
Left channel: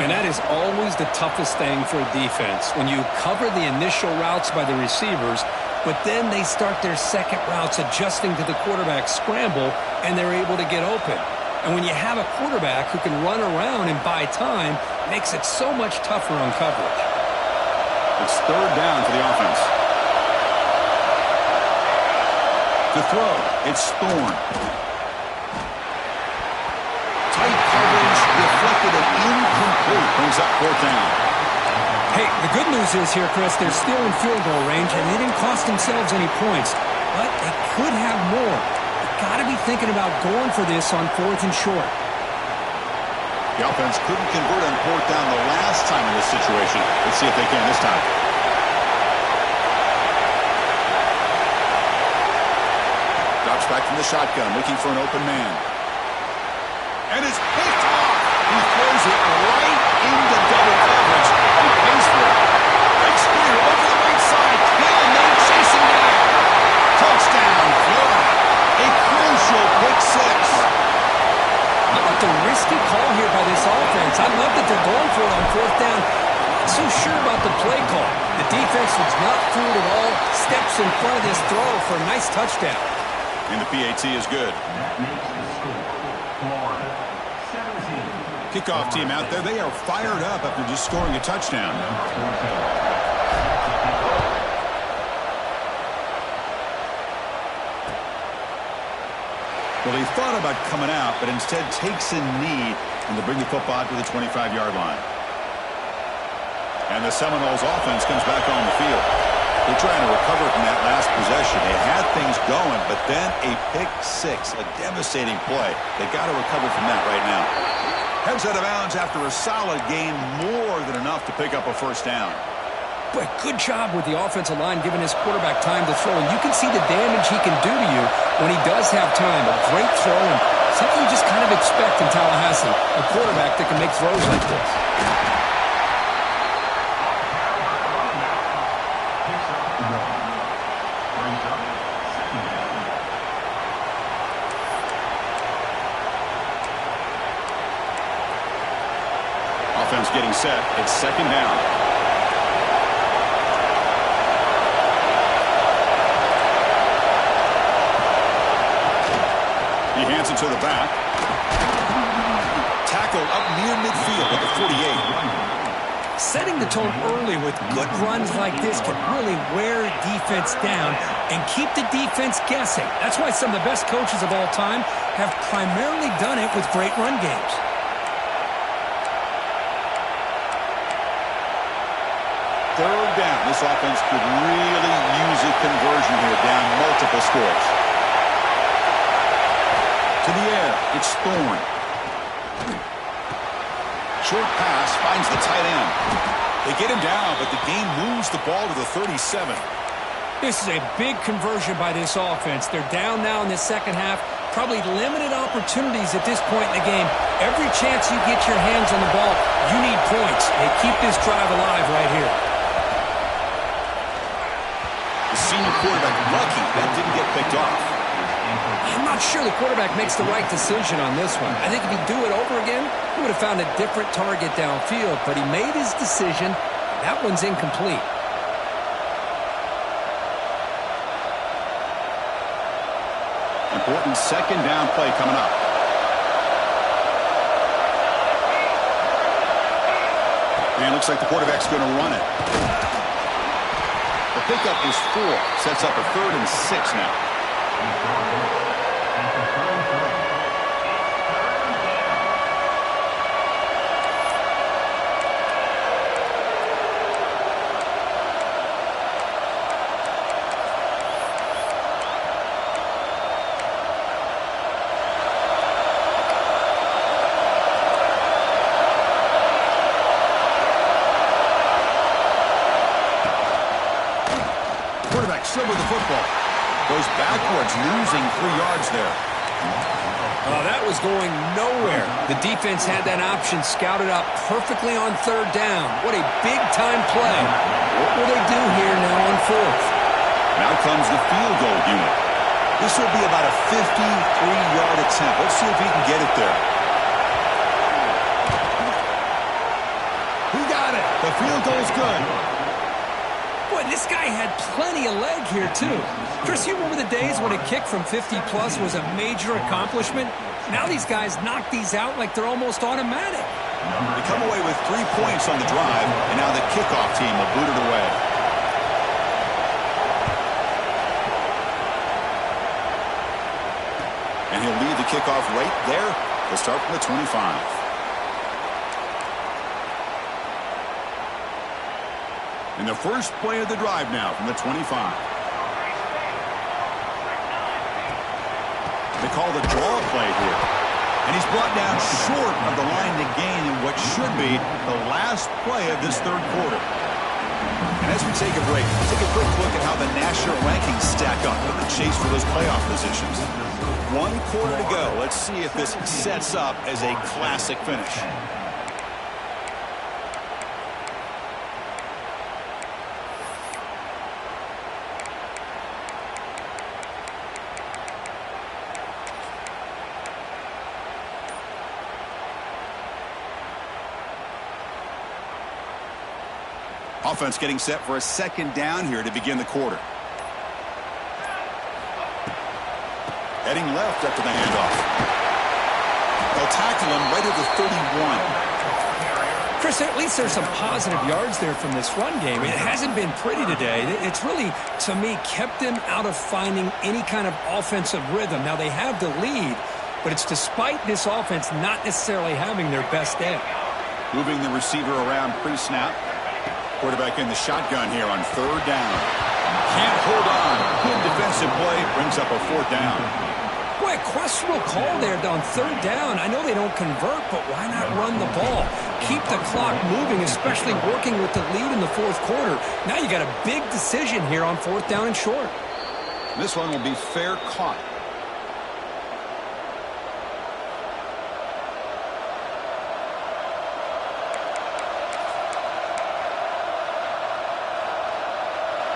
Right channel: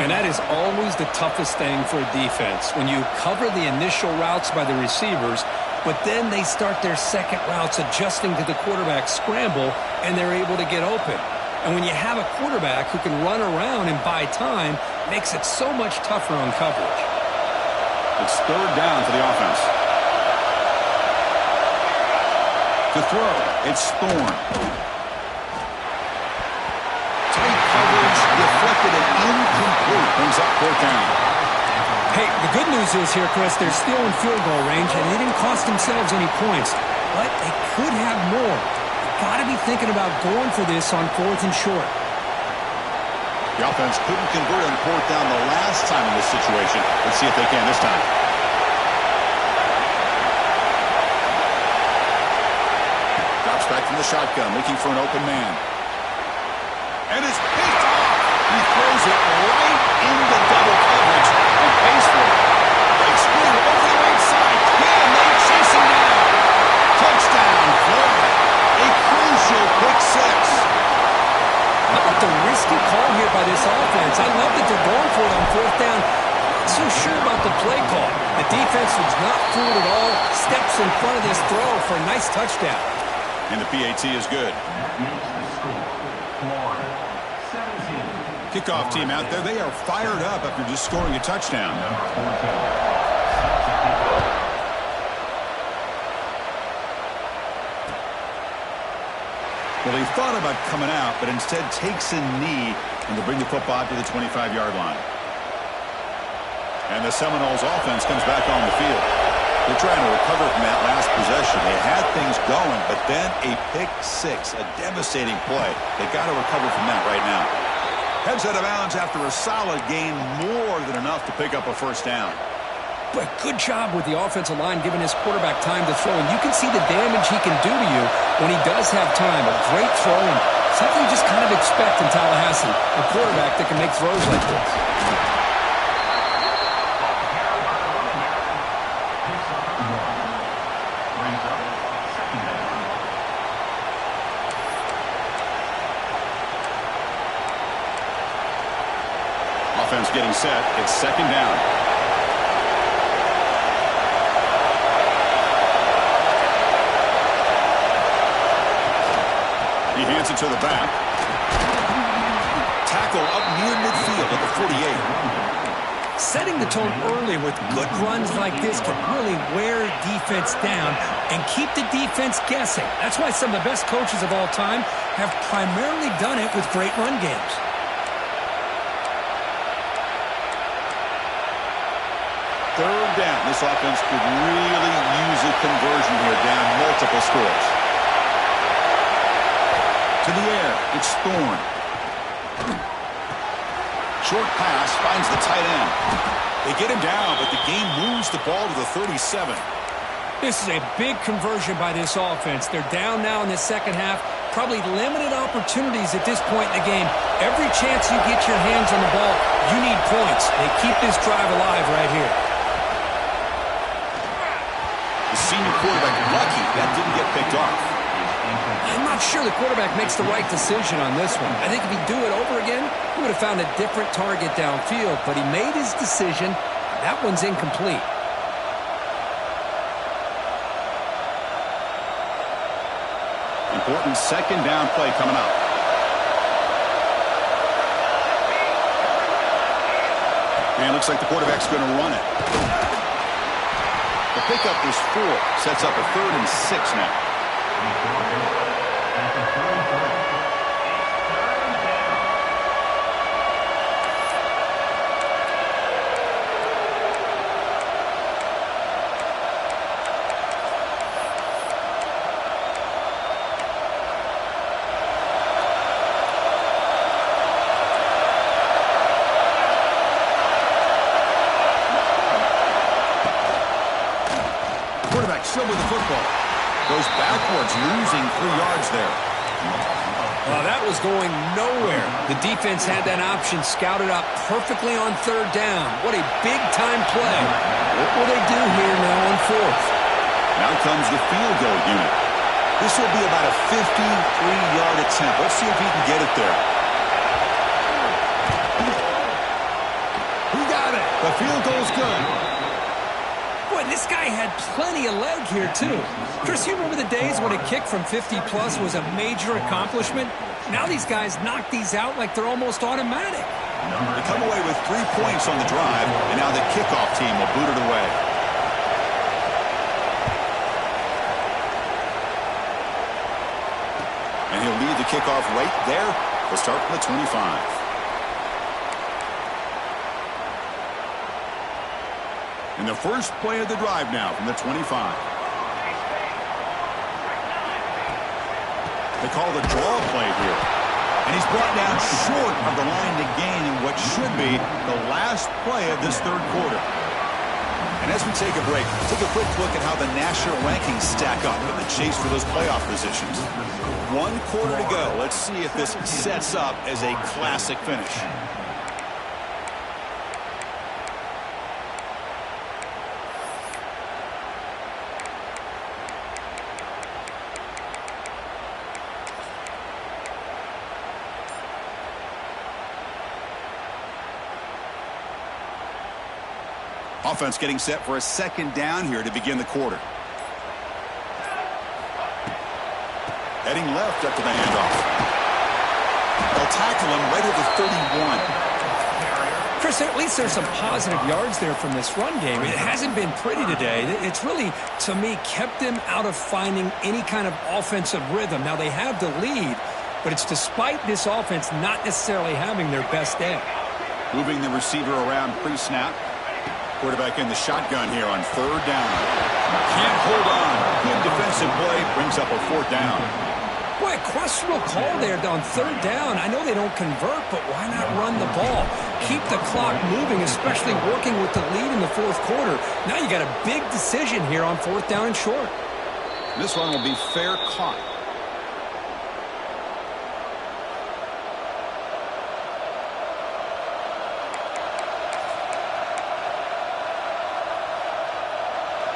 And that is always the toughest thing for a defense, when you cover the initial routes by the receivers, but then they start their second routes adjusting to the quarterback's scramble, and they're able to get open. And when you have a quarterback who can run around and buy time, it makes it so much tougher on coverage. It's 3rd down for the offense. To throw, it's Thorne. Tight coverage, deflected and incomplete. Brings up 4th down. Hey, the good news is here, Chris, they're still in field goal range, and they didn't cost themselves any points. But they could have more. You've got to be thinking about going for this on 4th and short. The offense couldn't convert on 4th down the last time in this situation. Let's see if they can this time. Drops back from the shotgun, looking for an open man. And it's picked off. He throws it right into double coverage and pays for it. Breaks clear over the right side. Can they chase him down? Touchdown, Florida. A crucial pick 6. How about the risky call here by this offense? I love that they're going for it on 4th down. Not so sure about the play call. The defense was not fooled at all. Steps in front of this throw for a nice touchdown. And the PAT is good. That makes the score Florida 17. Kickoff team out there. They are fired up after just scoring a touchdown. Well, he thought about coming out, but instead takes a knee and to bring the football to the 25-yard line. And the Seminoles offense comes back on the field. They're trying to recover from that last possession. They had things going, but then a pick 6, a devastating play. They got to recover from that right now. Heads out of bounds after a solid gain, more than enough to pick up a first down. But good job with the offensive line giving his quarterback time to throw. And you can see the damage he can do to you when he does have time. A great throw and something you just kind of expect in Tallahassee. A quarterback that can make throws like this. Offense getting set. It's 2nd down. He hands it to the back. Tackle up near midfield at the 48. Setting the tone early with good runs like this can really wear defense down and keep the defense guessing. That's why some of the best coaches of all time have primarily done it with great run games. Third down. This offense could really use a conversion here, down multiple scores. To the air, it's Thorne. Short pass finds the tight end. They get him down, but the game moves the ball to the 37. This is a big conversion by this offense. They're down now in the second half. Probably limited opportunities at this point in the game. Every chance you get your hands on the ball, you need points. They keep this drive alive right here. The senior quarterback lucky that didn't get picked off. I'm not sure the quarterback makes the right decision on this one. I think if he'd do it over again, he would have found a different target downfield, but he made his decision. That one's incomplete. Important second down play coming up. And it looks like the quarterback's going to run it. The pickup is 4. Sets up a 3rd and 6 now. Quarterback still with the football. Goes backwards, losing 3 yards there. That was going nowhere. The defense had that option scouted up perfectly on 3rd down. What a big-time play. What will they do here now on 4th? Now comes the field goal unit. This will be about a 53-yard attempt. Let's see if he can get it there. He got it. The field goal's good. Boy, this guy had plenty of leg here, too. Chris, you remember the days when a kick from 50-plus was a major accomplishment? Now these guys knock these out like they're almost automatic. They come away with 3 points on the drive, and now the kickoff team will boot it away. And he'll lead the kickoff right there. He'll start from the 25. And the first play of the drive now from the 25. They call the draw play here. And he's brought down short of the line to gain in what should be the last play of this 3rd quarter. And as we take a break, take a quick look at how the national rankings stack up in the chase for those playoff positions. 1 quarter to go. Let's see if this sets up as a classic finish. Offense getting set for a 2nd down here to begin the quarter. Heading left after the handoff. They'll tackle him right at the 31. Chris, at least there's some positive yards there from this run game. It hasn't been pretty today. It's really, to me, kept them out of finding any kind of offensive rhythm. Now, they have the lead, but it's despite this offense not necessarily having their best day. Moving the receiver around pre-snap. Quarterback in the shotgun here on 3rd down. Can't hold on. Good defensive play. Brings up a 4th down. Boy, a questionable call there on 3rd down. I know they don't convert, but why not run the ball? Keep the clock moving, especially working with the lead in the 4th quarter. Now you got a big decision here on 4th down and short. This one will be fair caught.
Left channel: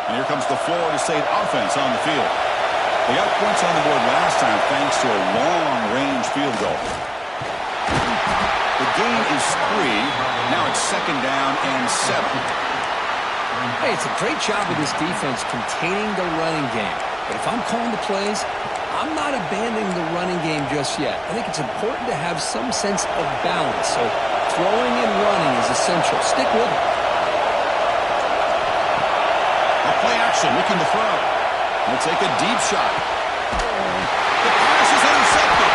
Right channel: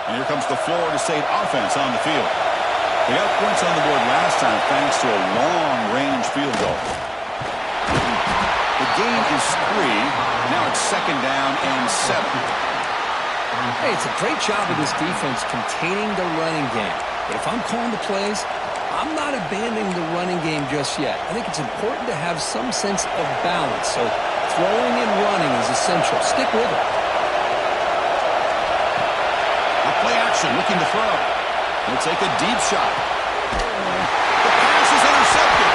And here comes the Florida State offense on the field. They got points on the board last time thanks to a long-range field goal. The gain is 3. Now it's 2nd down and 7. Hey, it's a great job of this defense containing the running game. But if I'm calling the plays, I'm not abandoning the running game just yet. I think it's important to have some sense of balance. So throwing and running is essential. Stick with it. Play action, looking to throw. He'll take a deep shot. The pass is intercepted.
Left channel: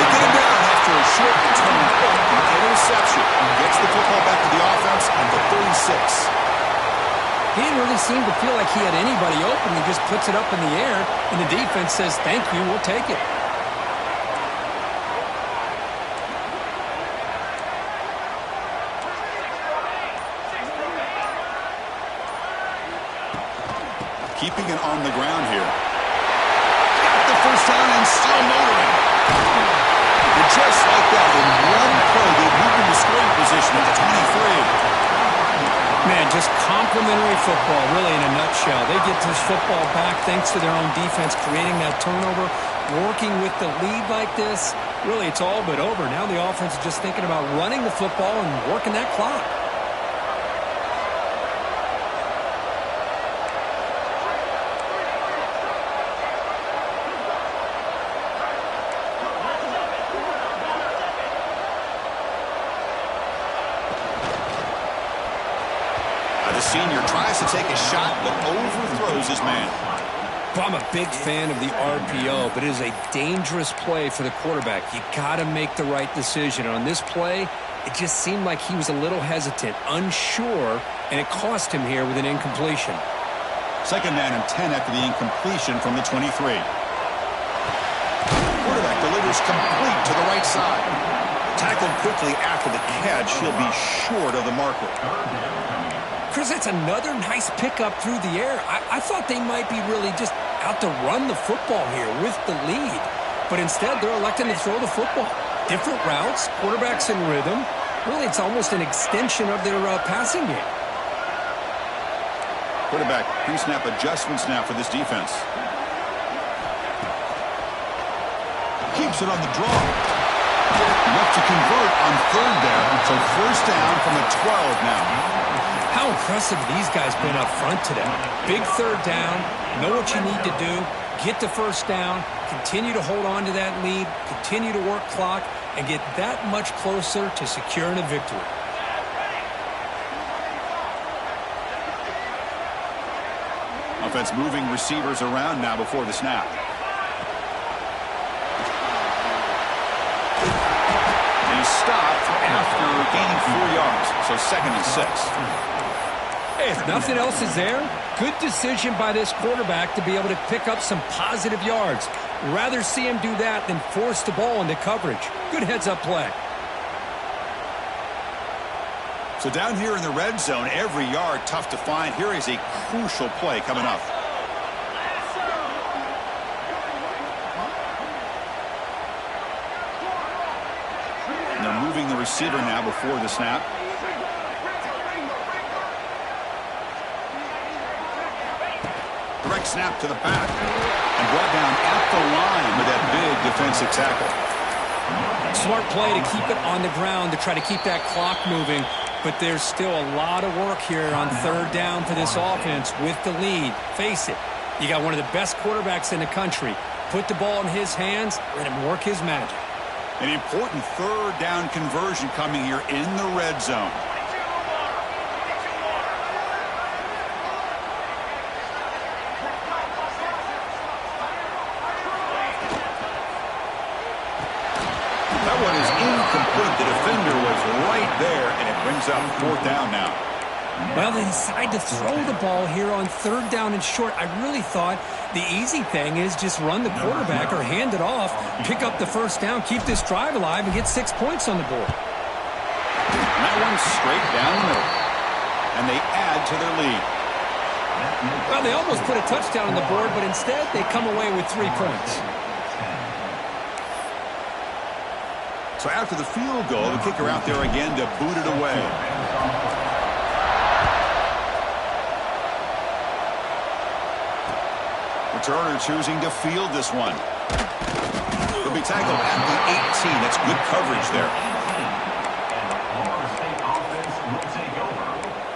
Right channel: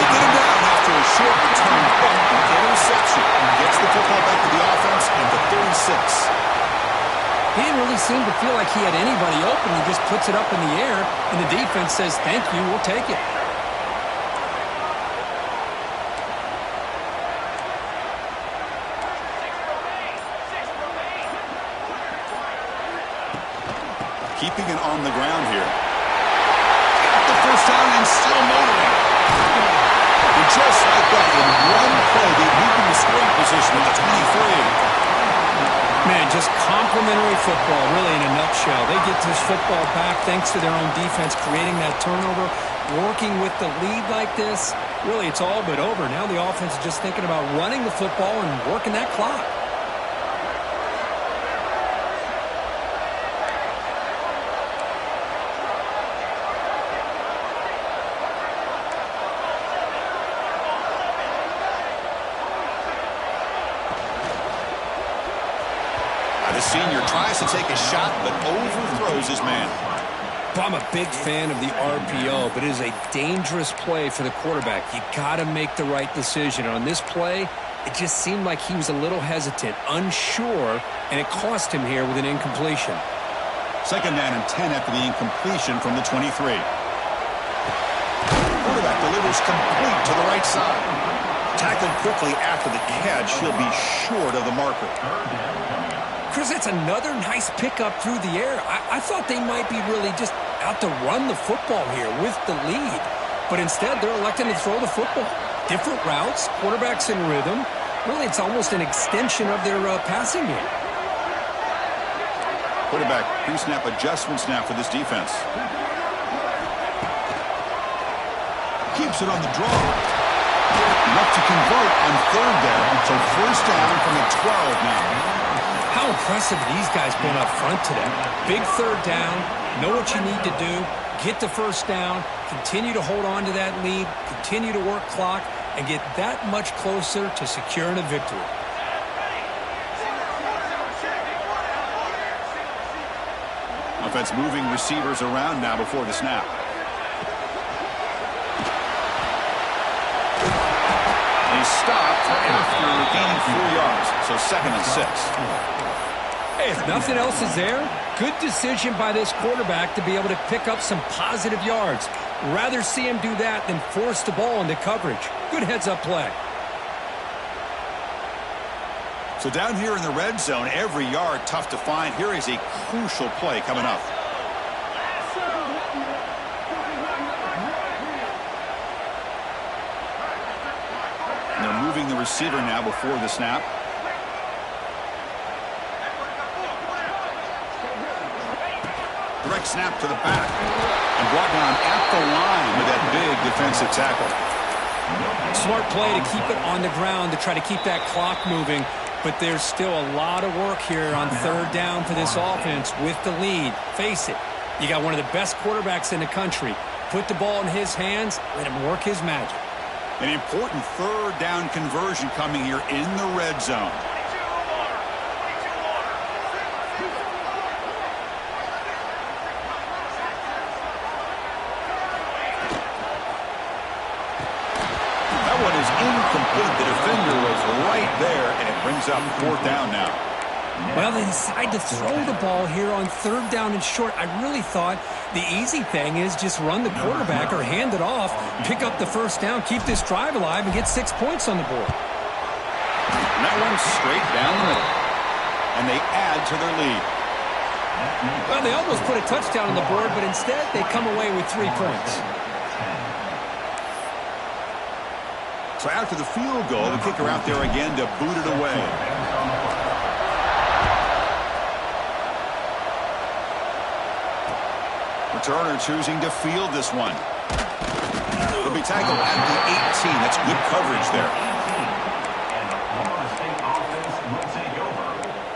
They get him down after a short return, but interception. Gets the football back to the offense at the 36. He didn't really seem to feel like he had anybody open. He just puts it up in the air, and the defense says, thank you, we'll take it. Keeping it on the ground here. Got the first down and still motoring. And just like that, in one play, they moved into scoring position at the 23. Man, just complimentary football, really, in a nutshell. They get this football back thanks to their own defense, creating that turnover, working with the lead like this. Really, it's all but over. Now the offense is just thinking about running the football and working that clock. The senior tries to take a shot, but overthrows his man. I'm a big fan of the RPO, but it is a dangerous play for the quarterback. You got to make the right decision. On this play, it just seemed like he was a little hesitant, unsure, and it cost him here with an incompletion. 2nd down and 10 after the incompletion from the 23. Quarterback delivers complete to the right side. Tackled quickly after the catch. He'll be short of the marker. Chris, that's another nice pickup through the air. I thought they might be really just out to run the football here with the lead. But instead, they're electing to throw the football. Different routes, quarterbacks in rhythm. Really, it's almost an extension of their passing game. Quarterback pre-snap adjustments now for this defense. Keeps it on the draw. Enough to convert on 3rd down. So 1st down from the 12 now. How impressive these guys been up front today. Big 3rd down, know what you need to do, get the 1st down, continue to hold on to that lead, continue to work clock, and get that much closer to securing a victory. Offense moving receivers around now before the snap. And he's stopped after gaining 4 yards, so 2nd and 6. Hey, if nothing else is there, good decision by this quarterback to be able to pick up some positive yards. Rather see him do that than force the ball into coverage. Good heads-up play. So down here in the red zone, every yard tough to find. Here is a crucial play coming up. And they're moving the receiver now before the snap. Direct snap to the back and brought down at the line with that big defensive tackle. Smart play to keep it on the ground to try to keep that clock moving, but there's still a lot of work here on 3rd down for this offense with the lead. Face it, you got one of the best quarterbacks in the country. Put the ball in his hands, let him work his magic. An important 3rd down conversion coming here in the red zone. That one is incomplete. The defender was right there, and it brings up 4th down now. Well, they decide to throw the ball here on 3rd down and short. I really thought the easy thing is just run the quarterback or hand it off, pick up the 1st down, keep this drive alive, and get 6 points on the board. And that one's straight down the middle. And they add to their lead. Well, they almost put a touchdown on the board, but instead they come away with 3 points. So after the field goal, the kicker out there again to boot it away. Returner choosing to field this one. He'll be tackled at the 18. That's good coverage there. And the Florida State offense will take over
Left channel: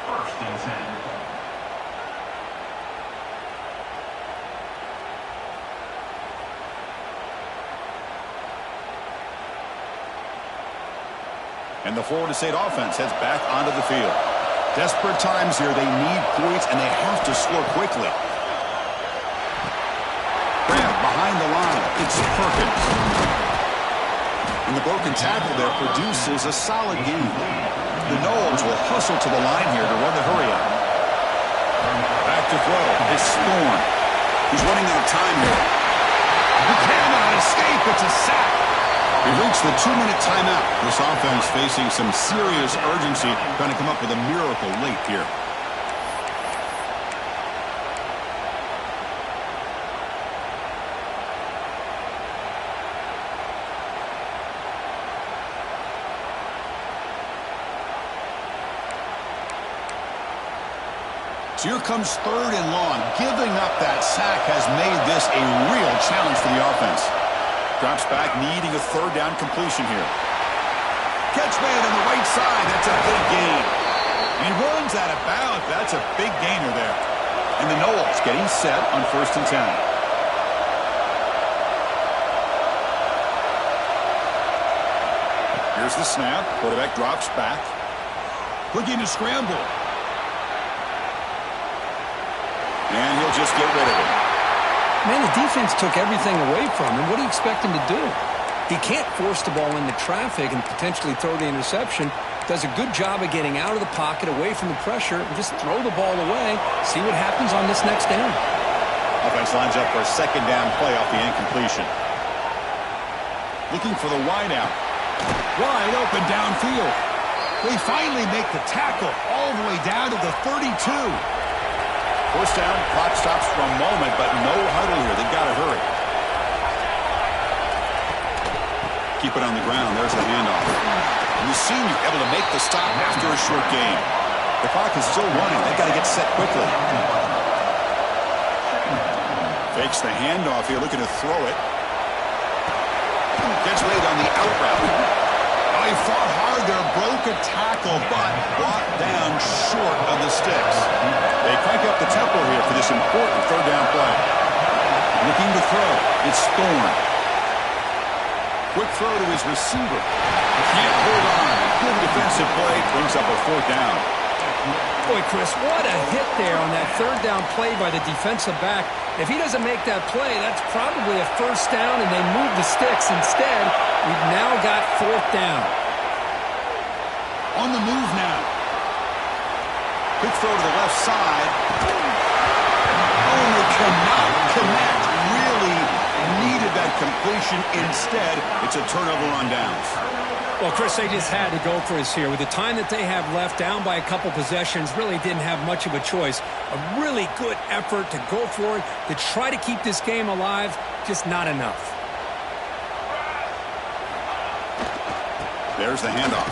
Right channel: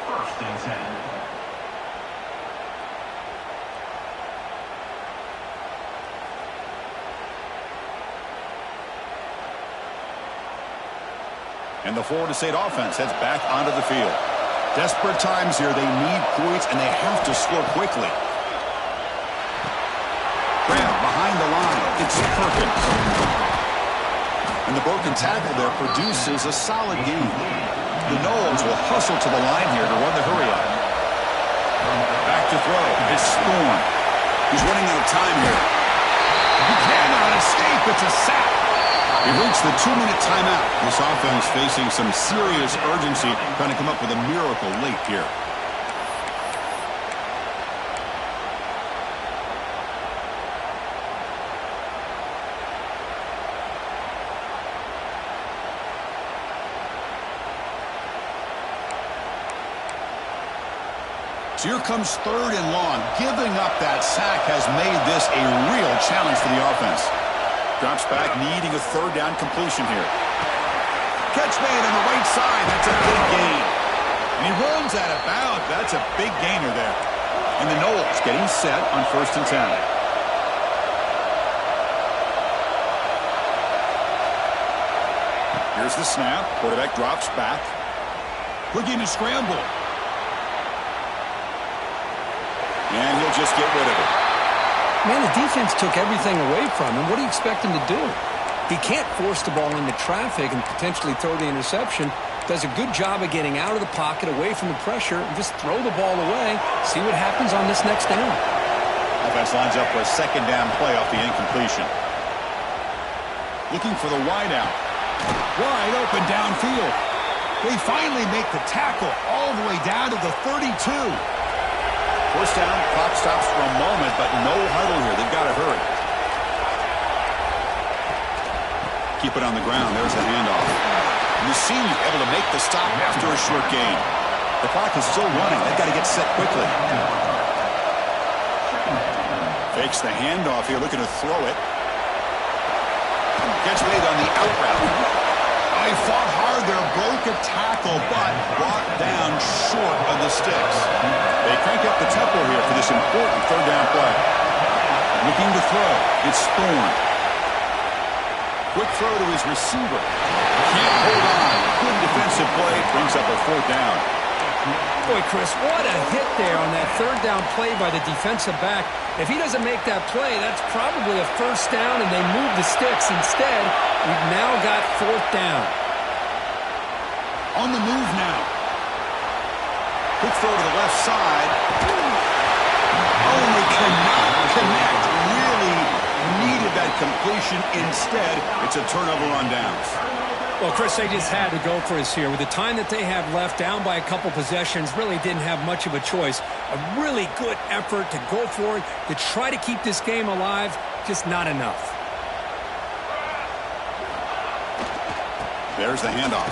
1st and 10. And the Florida State offense heads back onto the field. Desperate times here. They need points, and they have to score quickly. Grab behind the line. It's Perkins. And the broken tackle there produces a solid gain. The Noles will hustle to the line here to run the hurry-up. Back to throw. It's Thorne. He's running out of time here. He cannot escape. It's a sack. We've reached the 2-minute timeout. This offense facing some serious urgency, trying to come up with a miracle late here. So here comes 3rd and long. Giving up that sack has made this a real challenge for the offense. Drops back, needing a 3rd down completion here. Catch made on the right side. That's a big gain. And he runs out of bounds. That's a big gainer there. And the Knowles getting set on 1st and 10. Here's the snap. Quarterback drops back. Looking to scramble. And he'll just get rid of it. Man, the defense took everything away from him. What do you expect him to do? He can't force the ball into traffic and potentially throw the interception. Does a good job of getting out of the pocket, away from the pressure, and just throw the ball away. See what happens on this next down. Offense lines up for a 2nd down play off the incompletion. Looking for the wideout. Wide open downfield. They finally make the tackle all the way down to the 32. 1st down, clock stops for a moment, but no huddle here. They've got to hurry. Keep it on the ground. There's the handoff. And the senior able to make the stop after a short gain. The clock is still running. They've got to get set quickly. Fakes the handoff here, looking to throw it. Gets made on the out route. Oh, he fought hard there, broke a tackle, but brought down short of the sticks. They crank up the tempo here for this important 3rd down play. Looking to throw. It's Thorne. Quick throw to his receiver. Can't hold on. Good defensive play. Brings up a 4th down. Boy, Chris, what a hit there on that 3rd down play by the defensive back. If he doesn't make that play, that's probably a 1st down, and they move the sticks. Instead, we've now got 4th down. On the move now. Quick throw to the left side. Only cannot connect. Really needed that completion. Instead, it's a turnover on downs. Well, Chris, they just had to go for us here. With the time that they have left, down by a couple possessions, really didn't have much of a choice. A really good effort to go for it, to try to keep this game alive, just not enough. There's the handoff.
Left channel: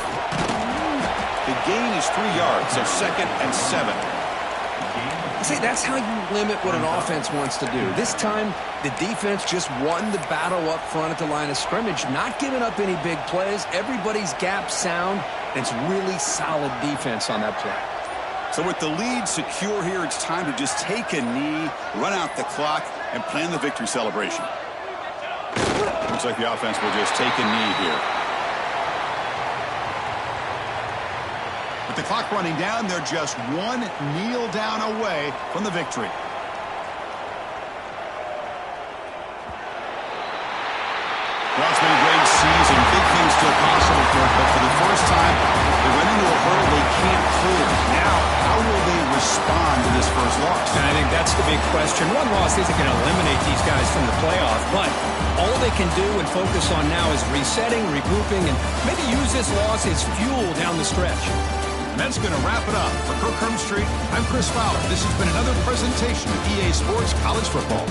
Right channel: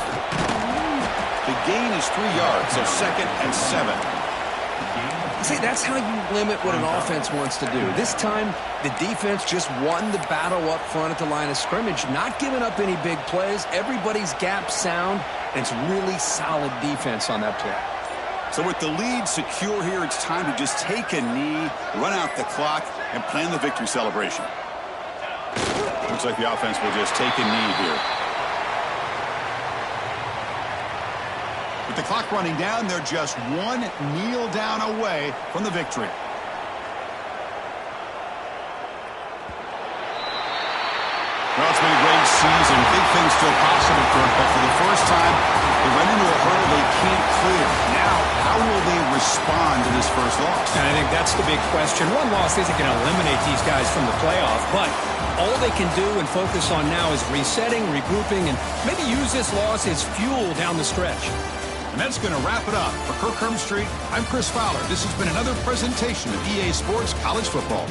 The gain is 3 yards, so 2nd and 7. See, that's how you limit what an offense wants to do. This time, the defense just won the battle up front at the line of scrimmage, not giving up any big plays. Everybody's gap sound, and it's really solid defense on that play. So with the lead secure here, it's time to just take a knee, run out the clock, and plan the victory celebration. Looks like the offense will just take a knee here. With the clock running down, they're just one kneel down away from the victory. Well, it's been a great season. Big things still possible, Kirk, but for the first time, they run into a hurdle they can't clear. Now, how will they respond to this first loss? And I think that's the big question. One loss isn't going to eliminate these guys from the playoff, but all they can do and focus on now is resetting, regrouping, and maybe use this loss as fuel down the stretch. And that's going to wrap it up. For Kirk Hermstreet, I'm Chris Fowler. This has been another presentation of EA Sports College Football.